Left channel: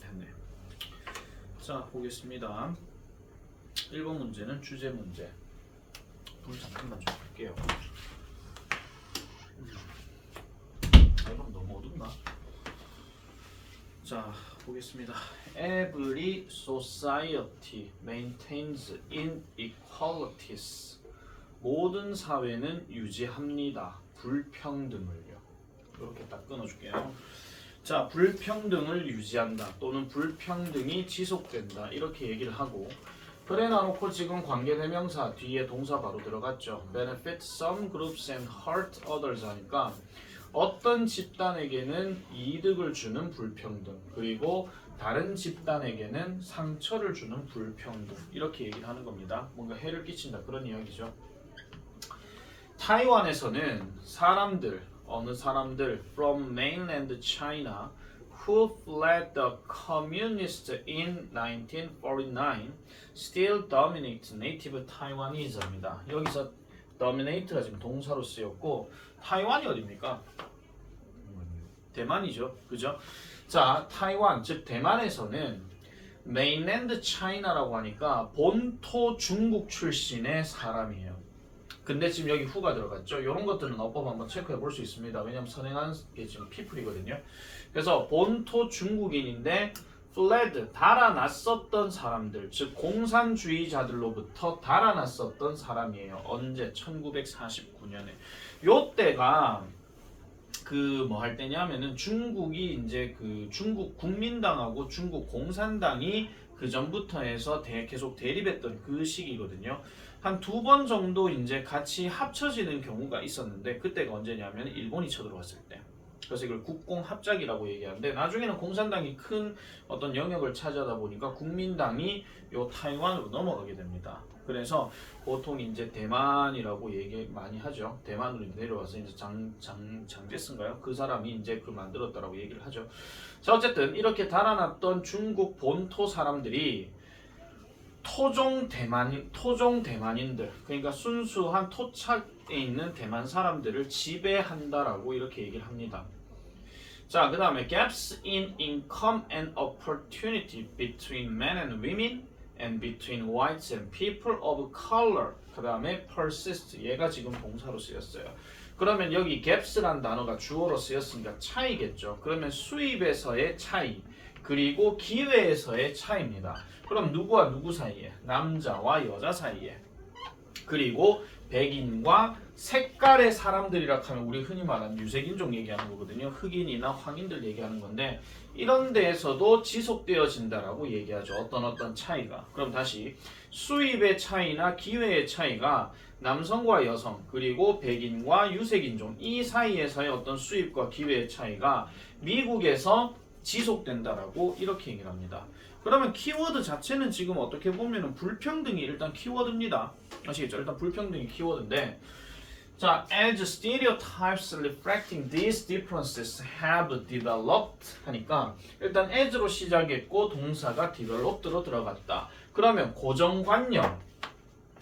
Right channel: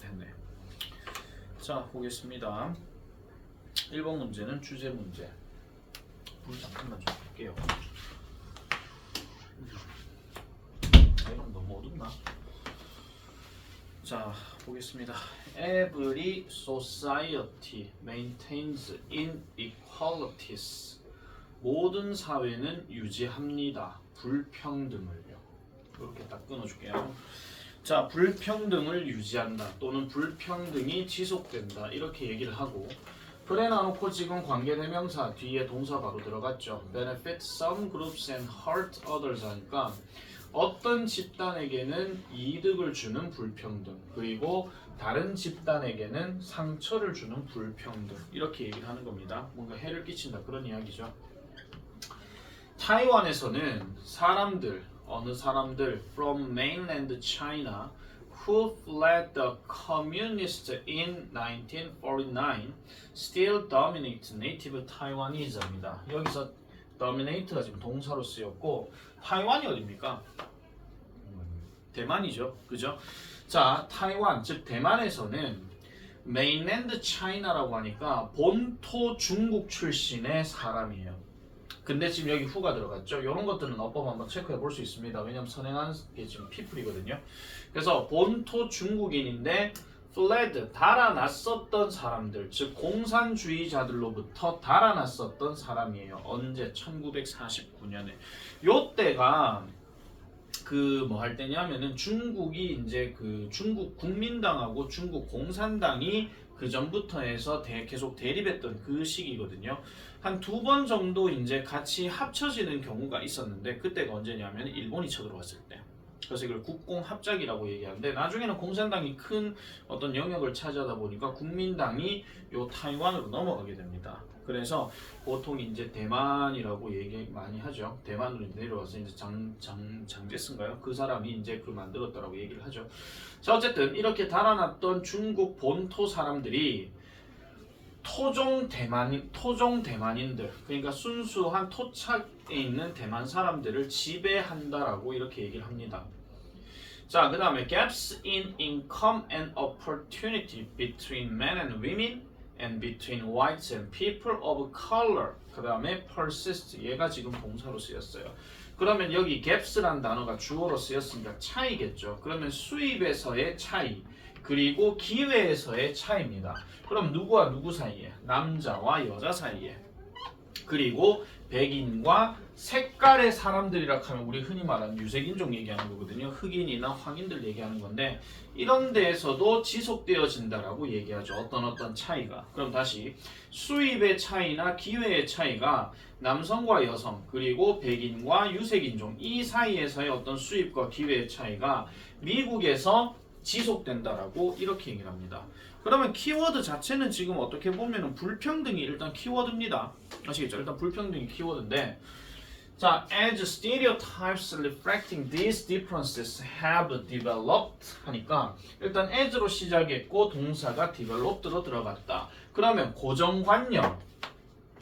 됐네. 자, 보겠습니다. 1번 문제는 주제 문제. 불 잠깐만 좀 끌게요. 이러면 너무 어둡나? 자, 보겠습니다. Every society maintains inequalities. 모든 사회는 유지합니다. 불평등을요. 이렇게 딱 끊어줄게요. 자, 불평등을 유지한다 또는 불평등이 지속된다 이렇게 얘기를 하고, 그래 놔놓고 지금 관계대명사 뒤에 동사 바로 들어갔죠. benefit some groups and hurt others 하니까 어떤 집단에게는 이득을 주는 불평등, 그리고 다른 집단에게는 상처를 주는 불평등, 이렇게 얘기를 하는 겁니다. 뭔가 해를 끼친다 그런 이야기죠. 타이완에서는 사람들, 어느 사람들 from mainland China who fled the communists in 1949 still dominate native Taiwanese입니다. 여기서 dominate가 지금 동사로 쓰였고, 타이완이 어디입니까? 대만이죠. 그죠? 자, 타이완, 즉 대만에서는 mainland China라고 하니까 본토 중국 출신의 사람이에요. 근데 지금 여기 후가 들어갔죠. 이런 것들은 어법 한번 체크해 볼 수 있습니다. 왜냐면 선행한 게 지금 people이거든요. 그래서 본토 중국인인데 fled, 달아났었던 사람들, 즉 공산주의자들로부터 달아났었던 사람이에요. 언제? 1949년에. 요때가 그 뭐 할 때냐면은 중국이 이제 그 중국 국민당하고 중국 공산당이 그 전부터 해서 계속 대립했던 그 시기거든요. 한 2번 정도 이제 같이 합쳐지는 경우가 있었는데, 그때가 언제냐면 일본이 쳐들어왔을 때. 그래서 이걸 국공합작이라고 얘기하는데, 나중에는 공산당이 큰 어떤 영역을 차지하다 보니까 국민당이 요 타이완으로 넘어가게 됩니다. 그래서 보통 이제 대만이라고 얘기 많이 하죠. 대만으로 내려와서 이제 장제스인가요? 그 사람이 이제 그 만들었다라고 얘기를 하죠. 자, 어쨌든 이렇게 달아났던 중국 본토 사람들이 토종 대만인들, 그러니까 순수한 토착에 있는 대만 사람들을 지배한다라고 이렇게 얘기를 합니다. 자, 그 다음에 gaps in income and opportunity between men and women and between whites and people of color. 그 다음에 persist, 얘가 지금 동사로 쓰였어요. 그러면 여기 gaps란 단어가 주어로 쓰였으니까 차이겠죠. 그러면 수입에서의 차이, 그리고 기회에서의 차이입니다. 그럼 누구와 누구 사이에? 남자와 여자 사이에. 그리고 백인과 색깔의 사람들이라 하면 우리 흔히 말하는 유색인종 얘기하는 거거든요. 흑인이나 황인들 얘기하는 건데, 이런 데에서도 지속되어진다라고 얘기하죠. 어떤 차이가. 그럼 다시 수입의 차이나 기회의 차이가 남성과 여성, 그리고 백인과 유색인종 이 사이에서의 어떤 수입과 기회의 차이가 미국에서 지속된다라고 이렇게 얘기를 합니다. 그러면 키워드 자체는 지금 어떻게 보면 불평등이 일단 키워드입니다. 아시겠죠? 일단 불평등이 키워드인데, 자, as stereotypes reflecting these differences have developed 하니까 일단 as로 시작했고 동사가 developed로 들어갔다. 그러면 고정관념,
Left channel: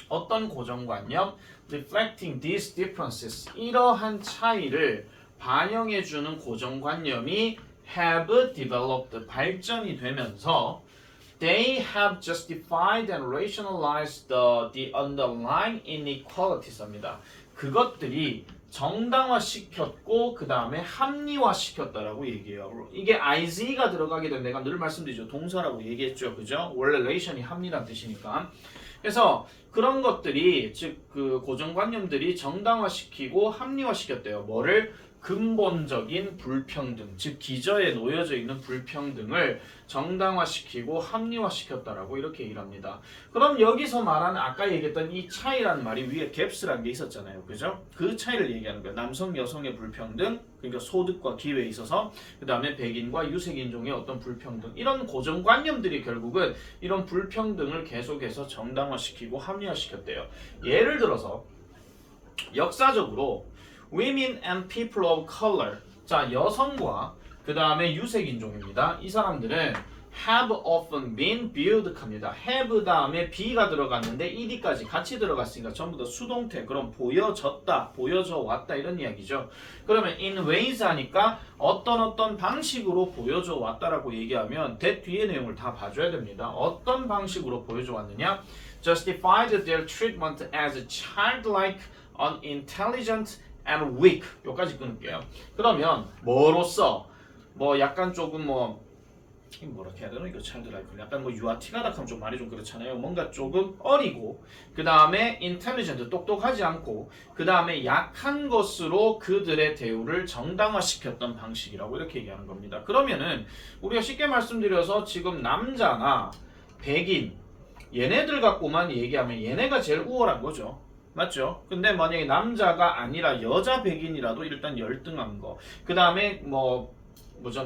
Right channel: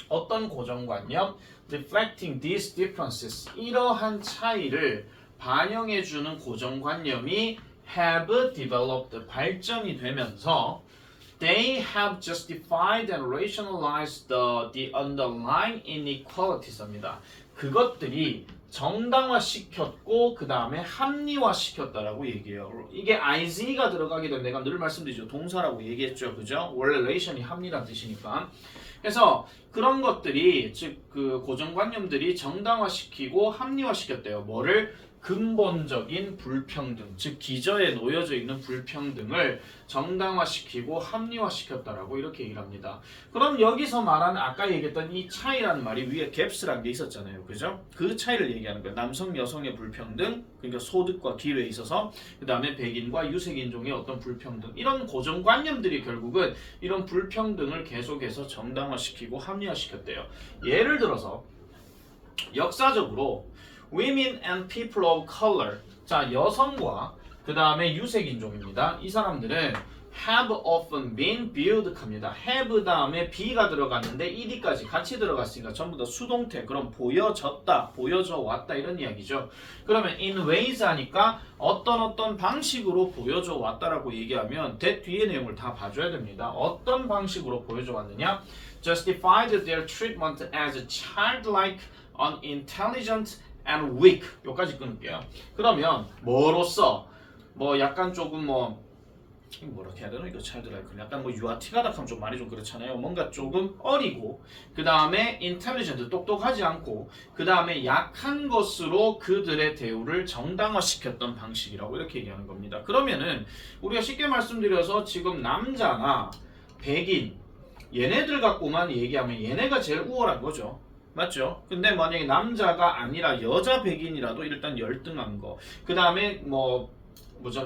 어떤 고정관념? reflecting these differences, 이러한 차이를 반영해주는 고정관념이 have developed, 발전이 되면서 they have justified and rationalized the underlying inequalities입니다. 그것들이 정당화시켰고 그 다음에 합리화시켰다라고 얘기해요. 이게 is가 들어가게 되면 내가 늘 말씀드리죠. 동사라고 얘기했죠. 그죠? 원래 relation이 합리란 뜻이니까. 그래서 그런 것들이, 즉 그 고정관념들이 정당화시키고 합리화시켰대요. 뭐를? 근본적인 불평등, 즉 기저에 놓여져 있는 불평등을 정당화시키고 합리화시켰다라고 이렇게 얘기를 합니다. 그럼 여기서 말하는 아까 얘기했던 이 차이라는 말이 위에 갭스라는 게 있었잖아요. 그죠? 그 차이를 얘기하는 거예요. 남성, 여성의 불평등, 그러니까 소득과 기회에 있어서, 그 다음에 백인과 유색인종의 어떤 불평등, 이런 고정관념들이 결국은 이런 불평등을 계속해서 정당화시키고 합리화시켰대요. 예를 들어서 역사적으로 women and people of color, 자, 여성과 그 다음에 유색인종입니다. 이 사람들은 have often been viewed 합니다. have 다음에 be가 들어갔는데 ed까지 같이 들어갔으니까 전부 다 수동태. 그럼 보여졌다, 보여져 왔다 이런 이야기죠. 그러면 in ways 하니까 어떤 방식으로 보여져 왔다라고 얘기하면 that 뒤에 내용을 다 봐줘야 됩니다. 어떤 방식으로 보여져 왔느냐? Justified their treatment as childlike, unintelligent, and weak. 여기까지 끊을게요. 그러면 뭐로써 뭐 약간 조금 뭐라 해야 되나 이거 childlike 약간 뭐 유아티가다 하면 좀 말이 좀 그렇잖아요. 뭔가 조금 어리고 그 다음에 intelligent 똑똑하지 않고 그 다음에 약한 것으로 그들의 대우를 정당화시켰던 방식이라고 이렇게 얘기하는 겁니다. 그러면은 우리가 쉽게 말씀드려서 지금 남자나 백인 얘네들 갖고만 얘기하면 얘네가 제일 우월한 거죠. 맞죠? 근데 만약에 남자가 아니라 여자 백인이라도 일단 열등한 거. 그 다음에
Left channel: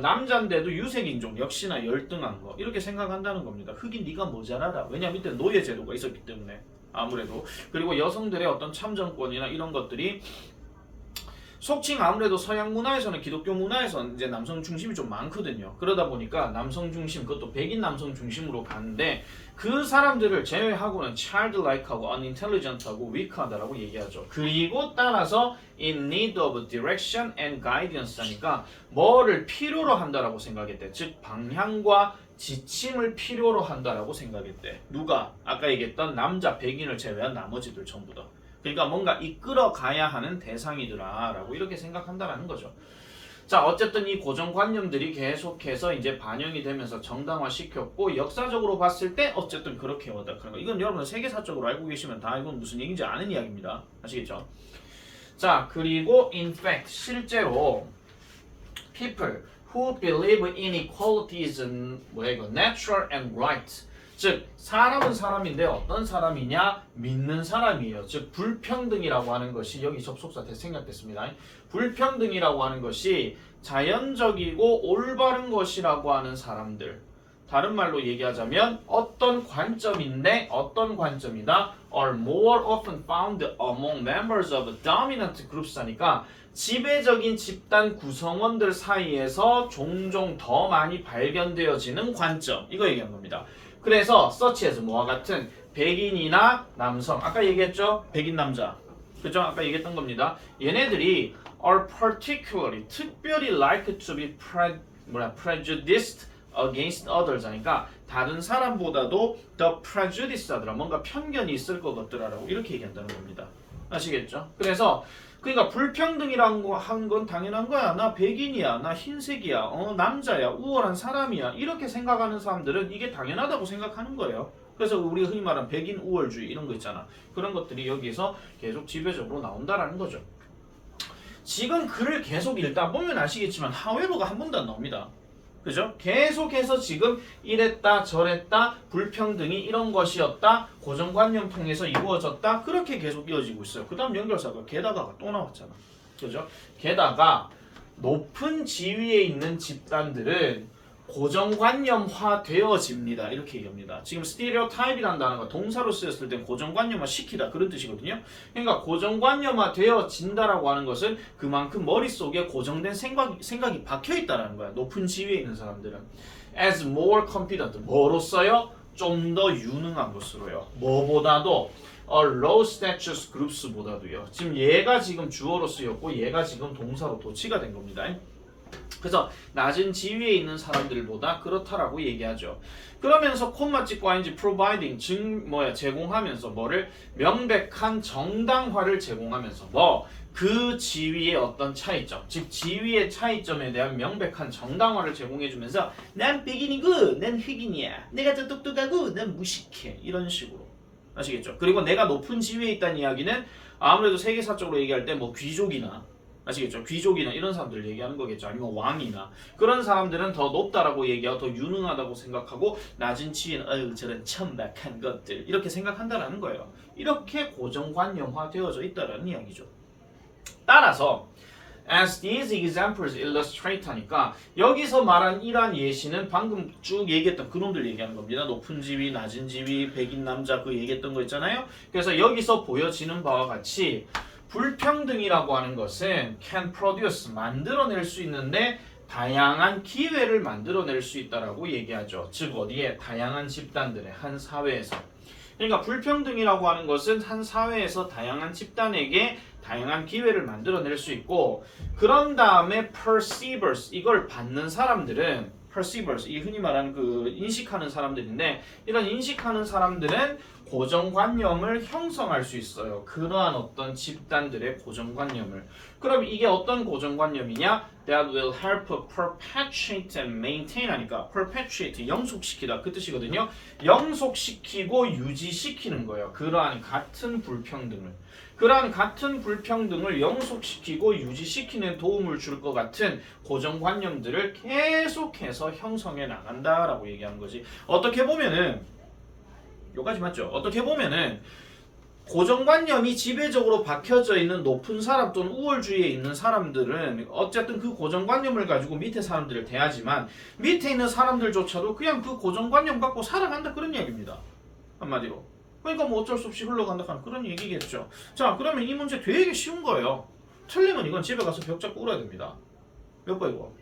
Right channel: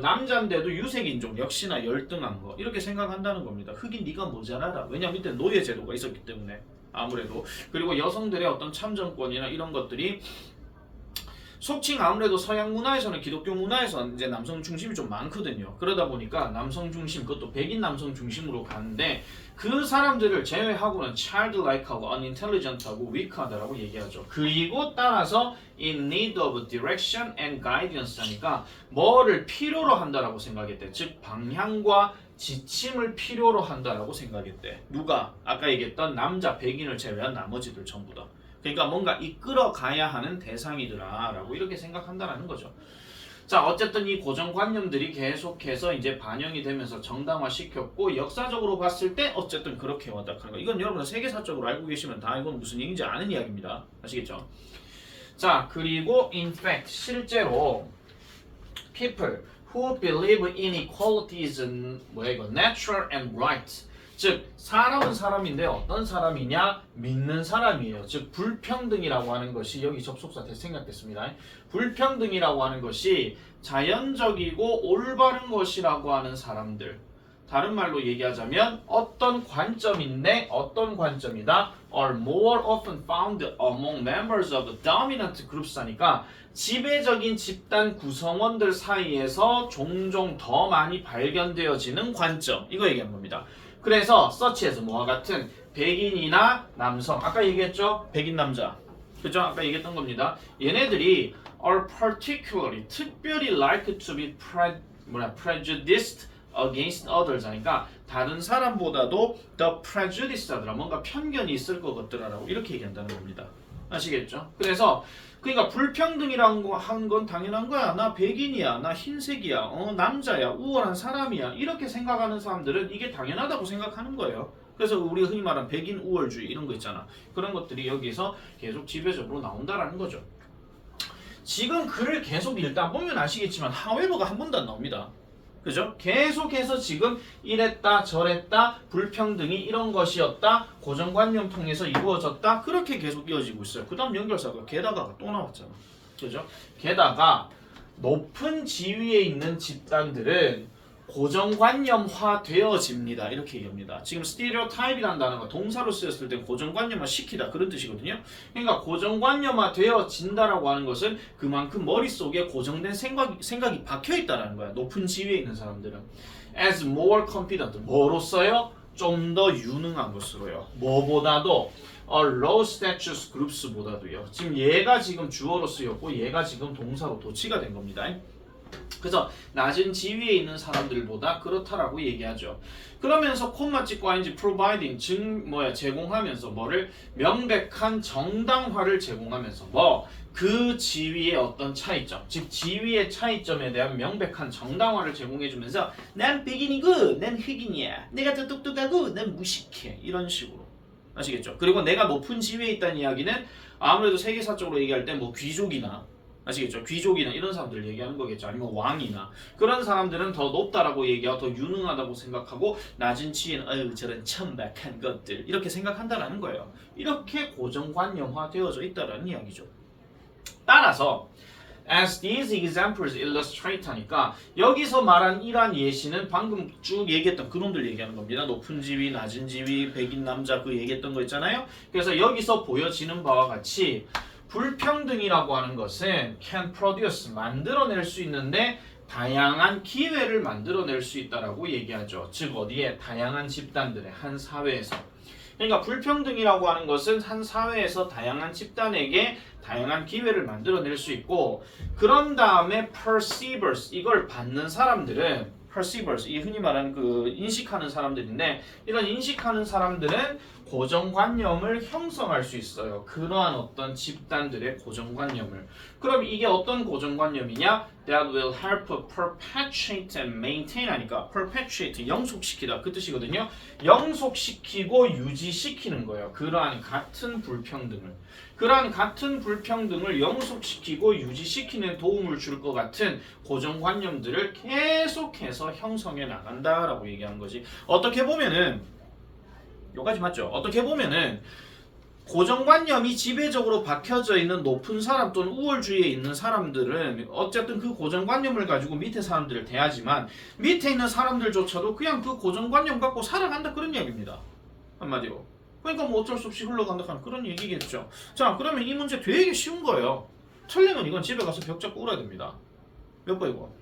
남자인데도 유색인종 역시나 열등한 거. 이렇게 생각한다는 겁니다. 흑인 네가 모자라라. 왜냐면 이때 노예제도가 있었기 때문에 아무래도. 그리고 여성들의 어떤 참정권이나 이런 것들이 속칭 아무래도 서양 문화에서는 기독교 문화에서는 이제 남성 중심이 좀 많거든요. 그러다 보니까 남성 중심, 그것도 백인 남성 중심으로 가는데 그 사람들을 제외하고는 childlike하고 unintelligent하고 weak하다라고 얘기하죠. 그리고 따라서 in need of direction and guidance 하니까 뭐를 필요로 한다라고 생각했대. 즉 방향과 지침을 필요로 한다라고 생각했대. 누가? 아까 얘기했던 남자 백인을 제외한 나머지들 전부 다. 그러니까 뭔가 이끌어 가야 하는 대상이더라 라고 이렇게 생각한다라는 거죠. 자, 어쨌든 이 고정관념들이 계속해서 이제 반영이 되면서 정당화시켰고 역사적으로 봤을 때 어쨌든 그렇게 와닿는 거. 이건 여러분 세계사적으로 알고 계시면 다 이건 무슨 얘기인지 아는 이야기입니다. 아시겠죠? 자, 그리고 in fact 실제로 people who believe inequality is natural and right. 즉 사람은 사람인데 어떤 사람이냐? 믿는 사람이에요. 즉 불평등이라고 하는 것이 여기 접속사 생략됐습니다. 불평등이라고 하는 것이 자연적이고 올바른 것이라고 하는 사람들. 다른 말로 얘기하자면 어떤 관점인데 어떤 관점이다? are more often found among members of dominant groups 하니까 지배적인 집단 구성원들 사이에서 종종 더 많이 발견되어지는 관점. 이거 얘기한 겁니다. 그래서 such as 뭐와 같은 백인이나 남성 아까 얘기했죠? 백인 남자 그죠? 아까 얘기했던 겁니다. 얘네들이 are particularly 특별히 like to be prejudiced against others 하니까 다른 사람보다도 더 prejudice하더라 뭔가 편견이 있을 것 같더라라고 이렇게 얘기한다는 겁니다. 아시겠죠? 그래서 그러니까 불평등이라는 거 한 건 당연한 거야. 나 백인이야, 나 흰색이야, 남자야, 우월한 사람이야 이렇게 생각하는 사람들은 이게 당연하다고 생각하는 거예요. 그래서 우리가 흔히 말하는 백인 우월주의 이런 거 있잖아. 그런 것들이 여기서 계속 지배적으로 나온다라는 거죠. 지금 글을 계속 읽다 보면 아시겠지만 however가 한 번도 안 나옵니다. 그죠? 계속해서 지금 이랬다 저랬다 불평등이 이런 것이었다 고정관념 통해서 이루어졌다 그렇게 계속 이어지고 있어요. 그 다음 연결사가 게다가가 또 나왔잖아. 그죠? 게다가 높은 지위에 있는 집단들은 고정관념화 되어집니다. 이렇게 얘기합니다. 지금 스티레오타입이라는 단어가 동사로 쓰였을 때 고정관념화 시키다 그런 뜻이거든요. 그러니까 고정관념화 되어진다라고 하는 것은 그만큼 머릿속에 고정된 생각이 박혀있다는 거야. 높은 지위에 있는 사람들은 as more competent 뭐로써요? 좀 더 유능한 것으로요. 뭐보다도 a low status groups보다도요. 지금 얘가 지금 주어로 쓰였고 얘가 지금 동사로 도치가 된 겁니다. 그래서 낮은 지위에 있는 사람들보다 그렇다라고 얘기하죠. 그러면서 콤마 찍고 ing providing 제공하면서 뭐를 명백한 정당화를 제공하면서 그 지위의 어떤 차이점, 즉 지위의 차이점에 대한 명백한 정당화를 제공해주면서 난 백인이고 난 흑인이야. 내가 더 똑똑하고 난 무식해. 이런 식으로. 아시겠죠? 그리고 내가 높은 지위에 있다는 이야기는 아무래도 세계사적으로 얘기할 때 귀족이나 아시겠죠? 귀족이나 이런 사람들 얘기하는 거겠죠. 아니면 왕이나 그런 사람들은 더 높다라고 얘기하고 더 유능하다고 생각하고 낮은 지위는 저런 천박한 것들 이렇게 생각한다라는 거예요. 이렇게 고정관념화 되어져 있다라는 이야기죠. 따라서 as these examples illustrate 하니까 여기서 말한 이러한 예시는 방금 쭉 얘기했던 그놈들 얘기하는 겁니다. 높은 지위, 낮은 지위, 백인 남자 그 얘기했던 거 있잖아요. 그래서 여기서 보여지는 바와 같이 불평등이라고 하는 것은 can produce 만들어낼 수 있는데 다양한 기회를 만들어낼 수 있다라고 얘기하죠. 즉 어디에? 다양한 집단들의 한 사회에서. 그러니까 불평등이라고 하는 것은 한 사회에서 다양한 집단에게 다양한 기회를 만들어낼 수 있고 그런 다음에 perceivers 이걸 받는 사람들은 perceivers 이 흔히 말하는 그 인식하는 사람들인데 이런 인식하는 사람들은 고정관념을 형성할 수 있어요. 그러한 어떤 집단들의 고정관념을. 그럼 이게 어떤 고정관념이냐? That will help perpetuate and maintain 하니까 perpetuate 영속시키다 그 뜻이거든요. 영속시키고 유지시키는 거예요. 그러한 같은 불평등을. 그러한 같은 불평등을 영속시키고 유지시키는 도움을 줄 것 같은 고정관념들을 계속해서 형성해 나간다라고 얘기한 거지. 어떻게 보면은 요까지 맞죠? 어떻게 보면은 고정관념이 지배적으로 박혀져 있는 높은 사람 또는 우월주의에 있는 사람들은 어쨌든 그 고정관념을 가지고 밑에 사람들을 대하지만 밑에 있는 사람들조차도 그냥 그 고정관념 갖고 살아간다 그런 얘기입니다. 한마디로. 그러니까 뭐 어쩔 수 없이 흘러간다 하는 그런 얘기겠죠. 자, 그러면 이 문제 되게 쉬운 거예요. 틀리면 이건 집에 가서 벽 잡고 울어야 됩니다. 몇 번이고?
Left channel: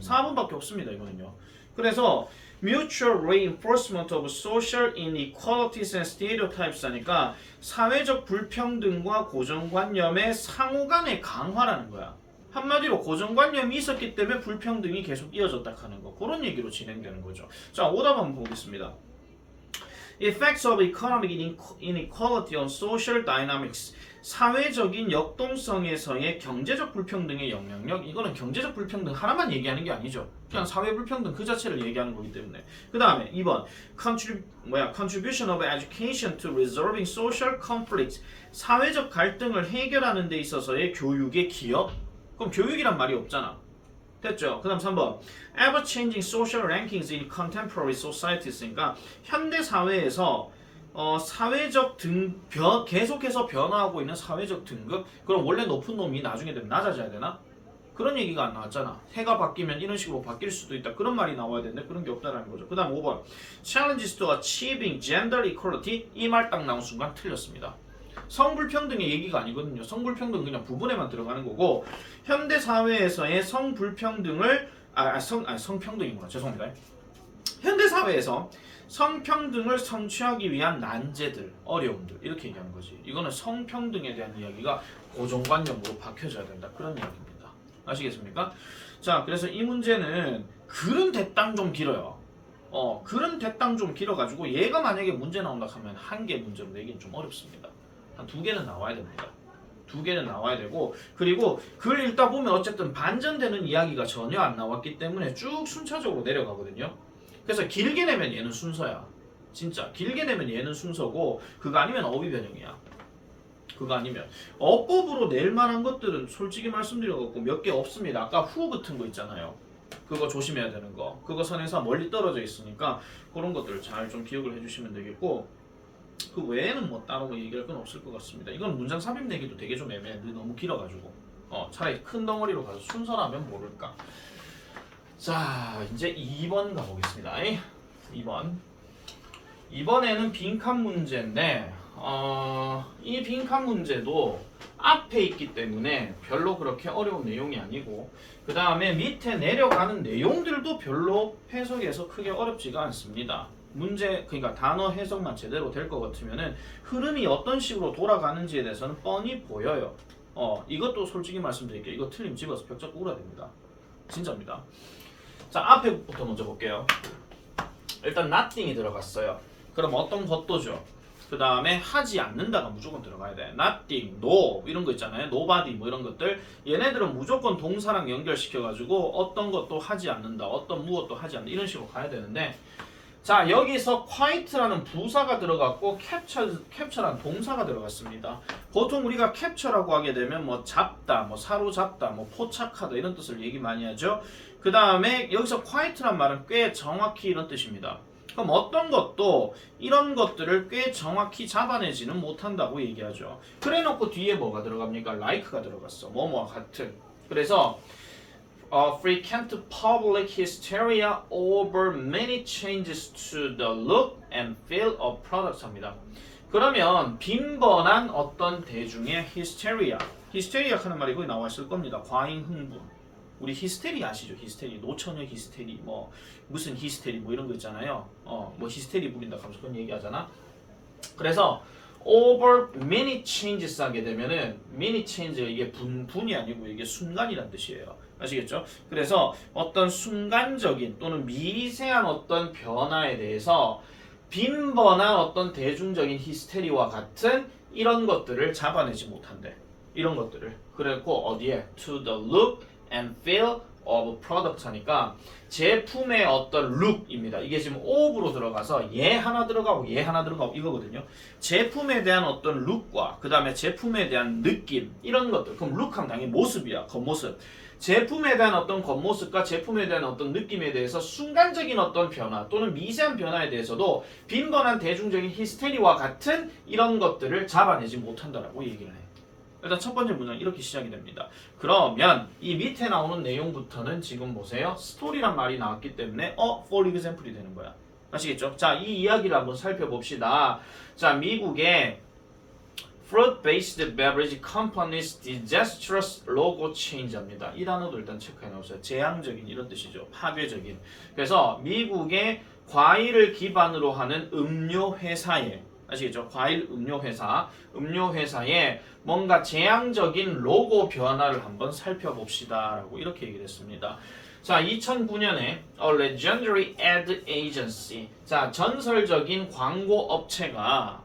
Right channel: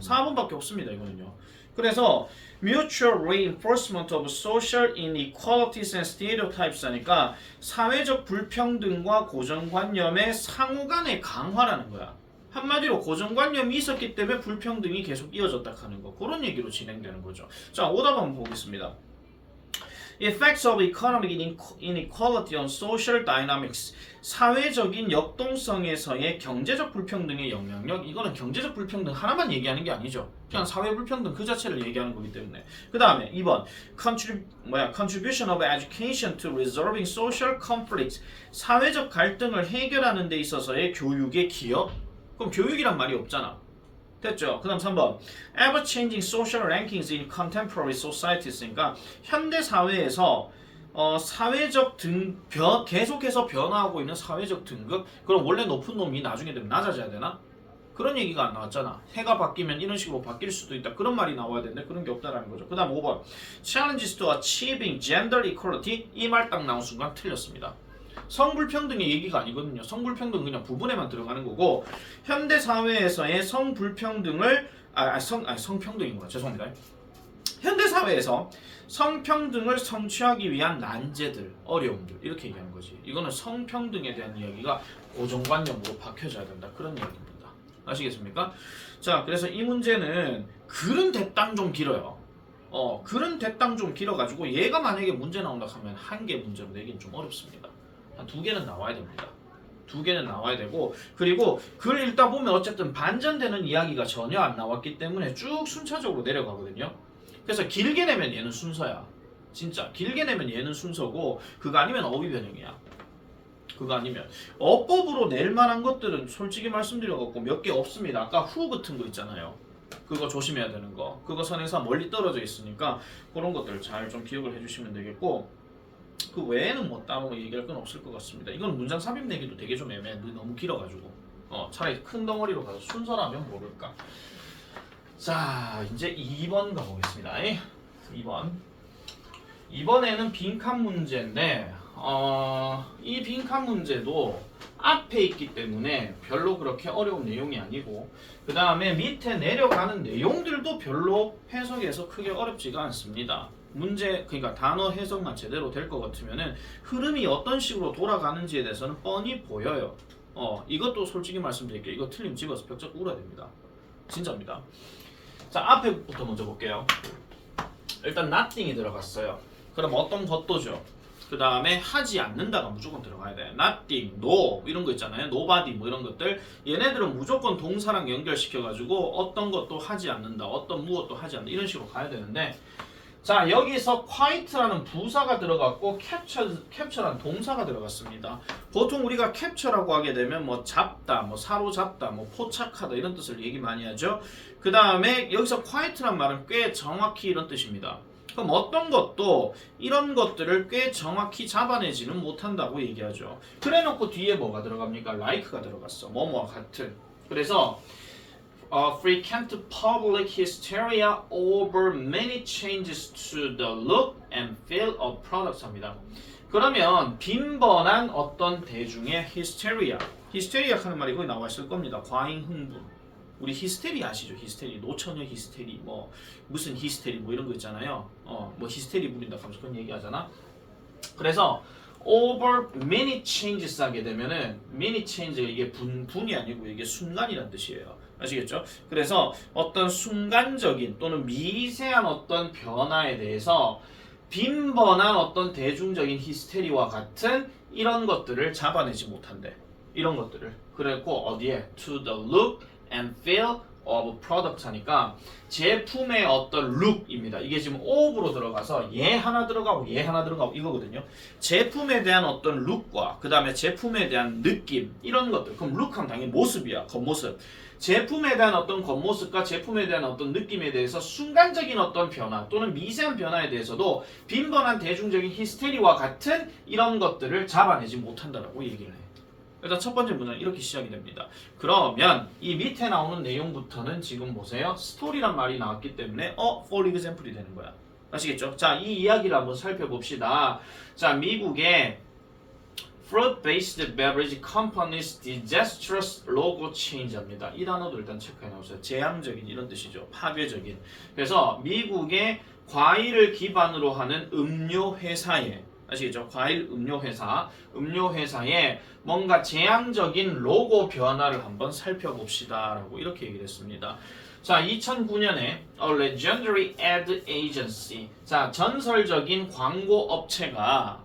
4번밖에 없습니다. 이거는요. 그래서 mutual reinforcement of social inequalities and stereotypes 하니까 사회적 불평등과 고정관념의 상호간의 강화라는 거야. 한마디로 고정관념이 있었기 때문에 불평등이 계속 이어졌다 하는 거. 그런 얘기로 진행되는 거죠. 자, 오답 한번 보겠습니다. Effects of economic inequality on social dynamics. 사회적인 역동성에서의 경제적 불평등의 영향력. 이거는 경제적 불평등 하나만 얘기하는 게 아니죠. 그냥 사회 불평등 그 자체를 얘기하는 거기 때문에. 그 다음에 2번 Contribution of education to resolving social conflicts. 사회적 갈등을 해결하는 데 있어서의 교육의 기여. 그럼 교육이란 말이 없잖아. 됐죠? 그 다음 3번 Ever-changing social rankings in contemporary societies. 그러니까 현대 사회에서 사회적 계속해서 변화하고 있는 사회적 등급. 그럼 원래 높은 놈이 나중에 되면 낮아져야 되나? 그런 얘기가 안 나왔잖아. 해가 바뀌면 이런 식으로 바뀔 수도 있다. 그런 말이 나와야 되는데 그런 게 없다라는 거죠. 그 다음 5번 Challenges to achieving gender equality. 이 말 딱 나온 순간 틀렸습니다. 성불평등의 얘기가 아니거든요. 성불평등은 그냥 부분에만 들어가는 거고 현대 사회에서의 성불평등을 성평등이구나. 죄송합니다. 현대 사회에서 성평등을 성취하기 위한 난제들, 어려움들 이렇게 얘기하는 거지. 이거는 성평등에 대한 이야기가 고정관념으로 박혀져야 된다. 그런 이야기입니다. 아시겠습니까? 자, 그래서 이 문제는 글은 대땅 좀 길어요. 글은 대땅 좀 길어가지고 얘가 만약에 문제 나온다 하면 한 개 문제로 내기는 좀 어렵습니다. 한 2개는 나와야 됩니다. 2개는 나와야 되고 그리고 글 읽다 보면 어쨌든 반전되는 이야기가 전혀 안 나왔기 때문에 쭉 순차적으로 내려가거든요. 그래서 길게 내면 얘는 순서야. 진짜 길게 내면 얘는 순서고 그거 아니면 어휘 변형이야. 그거 아니면 어법으로 낼 만한 것들은 솔직히 말씀드려갖고 몇 개 없습니다. 아까 후 붙은 거 있잖아요. 그거 조심해야 되는 거. 그거 선에서 멀리 떨어져 있으니까 그런 것들 잘 좀 기억을 해주시면 되겠고 그 외에는 뭐 따로 뭐 얘기할 건 없을 것 같습니다. 이건 문장 삽입 내기도 되게 좀 애매해. 너무 길어가지고 차라리 큰 덩어리로 가서 순서라면 모를까. 자, 이제 2번 가보겠습니다. 2번. 이번에는 빈칸 문제인데 이 빈칸 문제도 앞에 있기 때문에 별로 그렇게 어려운 내용이 아니고 그 다음에 밑에 내려가는 내용들도 별로 해석해서 크게 어렵지가 않습니다. 문제 그러니까 단어 해석만 제대로 될 것 같으면은 흐름이 어떤 식으로 돌아가는지에 대해서는 뻔히 보여요. 이것도 솔직히 말씀드릴게요. 이거 틀림 집어서 벽 잡고 울어야 됩니다. 진짜입니다. 자, 앞에부터 먼저 볼게요. 일단 nothing이 들어갔어요. 그럼 어떤 것도죠. 그 다음에 하지 않는다가 무조건 들어가야 돼. nothing, no 이런 거 있잖아요. nobody 뭐 이런 것들. 얘네들은 무조건 동사랑 연결시켜가지고 어떤 것도 하지 않는다. 어떤 무엇도 하지 않는다. 이런 식으로 가야 되는데 자, 여기서 quiet라는 부사가 들어갔고 capture라는 동사가 들어갔습니다. 보통 우리가 capture라고 하게 되면 뭐 잡다, 뭐 사로잡다, 뭐 포착하다 이런 뜻을 얘기 많이 하죠. 그 다음에 여기서 quiet란 말은 꽤 정확히 이런 뜻입니다. 그럼 어떤 것도 이런 것들을 꽤 정확히 잡아내지는 못한다고 얘기하죠. 그래놓고 뒤에 뭐가 들어갑니까? like가 들어갔어. 뭐뭐와 같은. 그래서 frequent public hysteria over many changes to the look and feel of products 합니다. 그러면 빈번한 어떤 대중의 hysteria 하는 말이 거기 나와 있을 겁니다. 과잉 흥분. 우리 히스테리 아시죠? 히스테리, 노처녀 히스테리, 뭐 무슨 히스테리 뭐 이런 거 있잖아요. 뭐 히스테리 부린다 하면서 그런 얘기하잖아. 그래서 over many changes 하게 되면은 many change 이게 분이 아니고 이게 순간이란 뜻이에요. 아시겠죠? 그래서 어떤 순간적인 또는 미세한 어떤 변화에 대해서 빈번한 어떤 대중적인 히스테리와 같은 이런 것들을 잡아내지 못한대. 이런 것들을. 그래고 어디에? To the look and feel of product 하니까 제품의 어떤 룩입니다. 이게 지금 of로 들어가서 얘 하나 들어가고 얘 하나 들어가고 이거거든요. 제품에 대한 어떤 룩과 그 다음에 제품에 대한 느낌 이런 것들. 그럼 룩하면 당연히 모습이야. 겉모습. 제품에 대한 어떤 겉모습과 제품에 대한 어떤 느낌에 대해서 순간적인 어떤 변화 또는 미세한 변화에 대해서도 빈번한 대중적인 히스테리와 같은 이런 것들을 잡아내지 못한다라고 얘기를 해요. 일단 첫 번째 문장은 이렇게 시작이 됩니다. 그러면 이 밑에 나오는 내용부터는 지금 보세요. 스토리란 말이 나왔기 때문에 for example이 되는 거야. 아시겠죠? 자, 이 이야기를 한번 살펴봅시다. 자, 미국의 Fruit-based beverage companies disastrous logo change입니다. 이 단어도 일단 체크해 놓으세요. 재앙적인 이런 뜻이죠. 파괴적인. 그래서 미국의 과일을 기반으로 하는 음료 회사에 아시겠죠? 과일 음료 회사에 뭔가 재앙적인 로고 변화를 한번 살펴봅시다라고 이렇게 얘기를 했습니다. 자, 2009년에 A legendary ad agency. 자, 전설적인 광고 업체가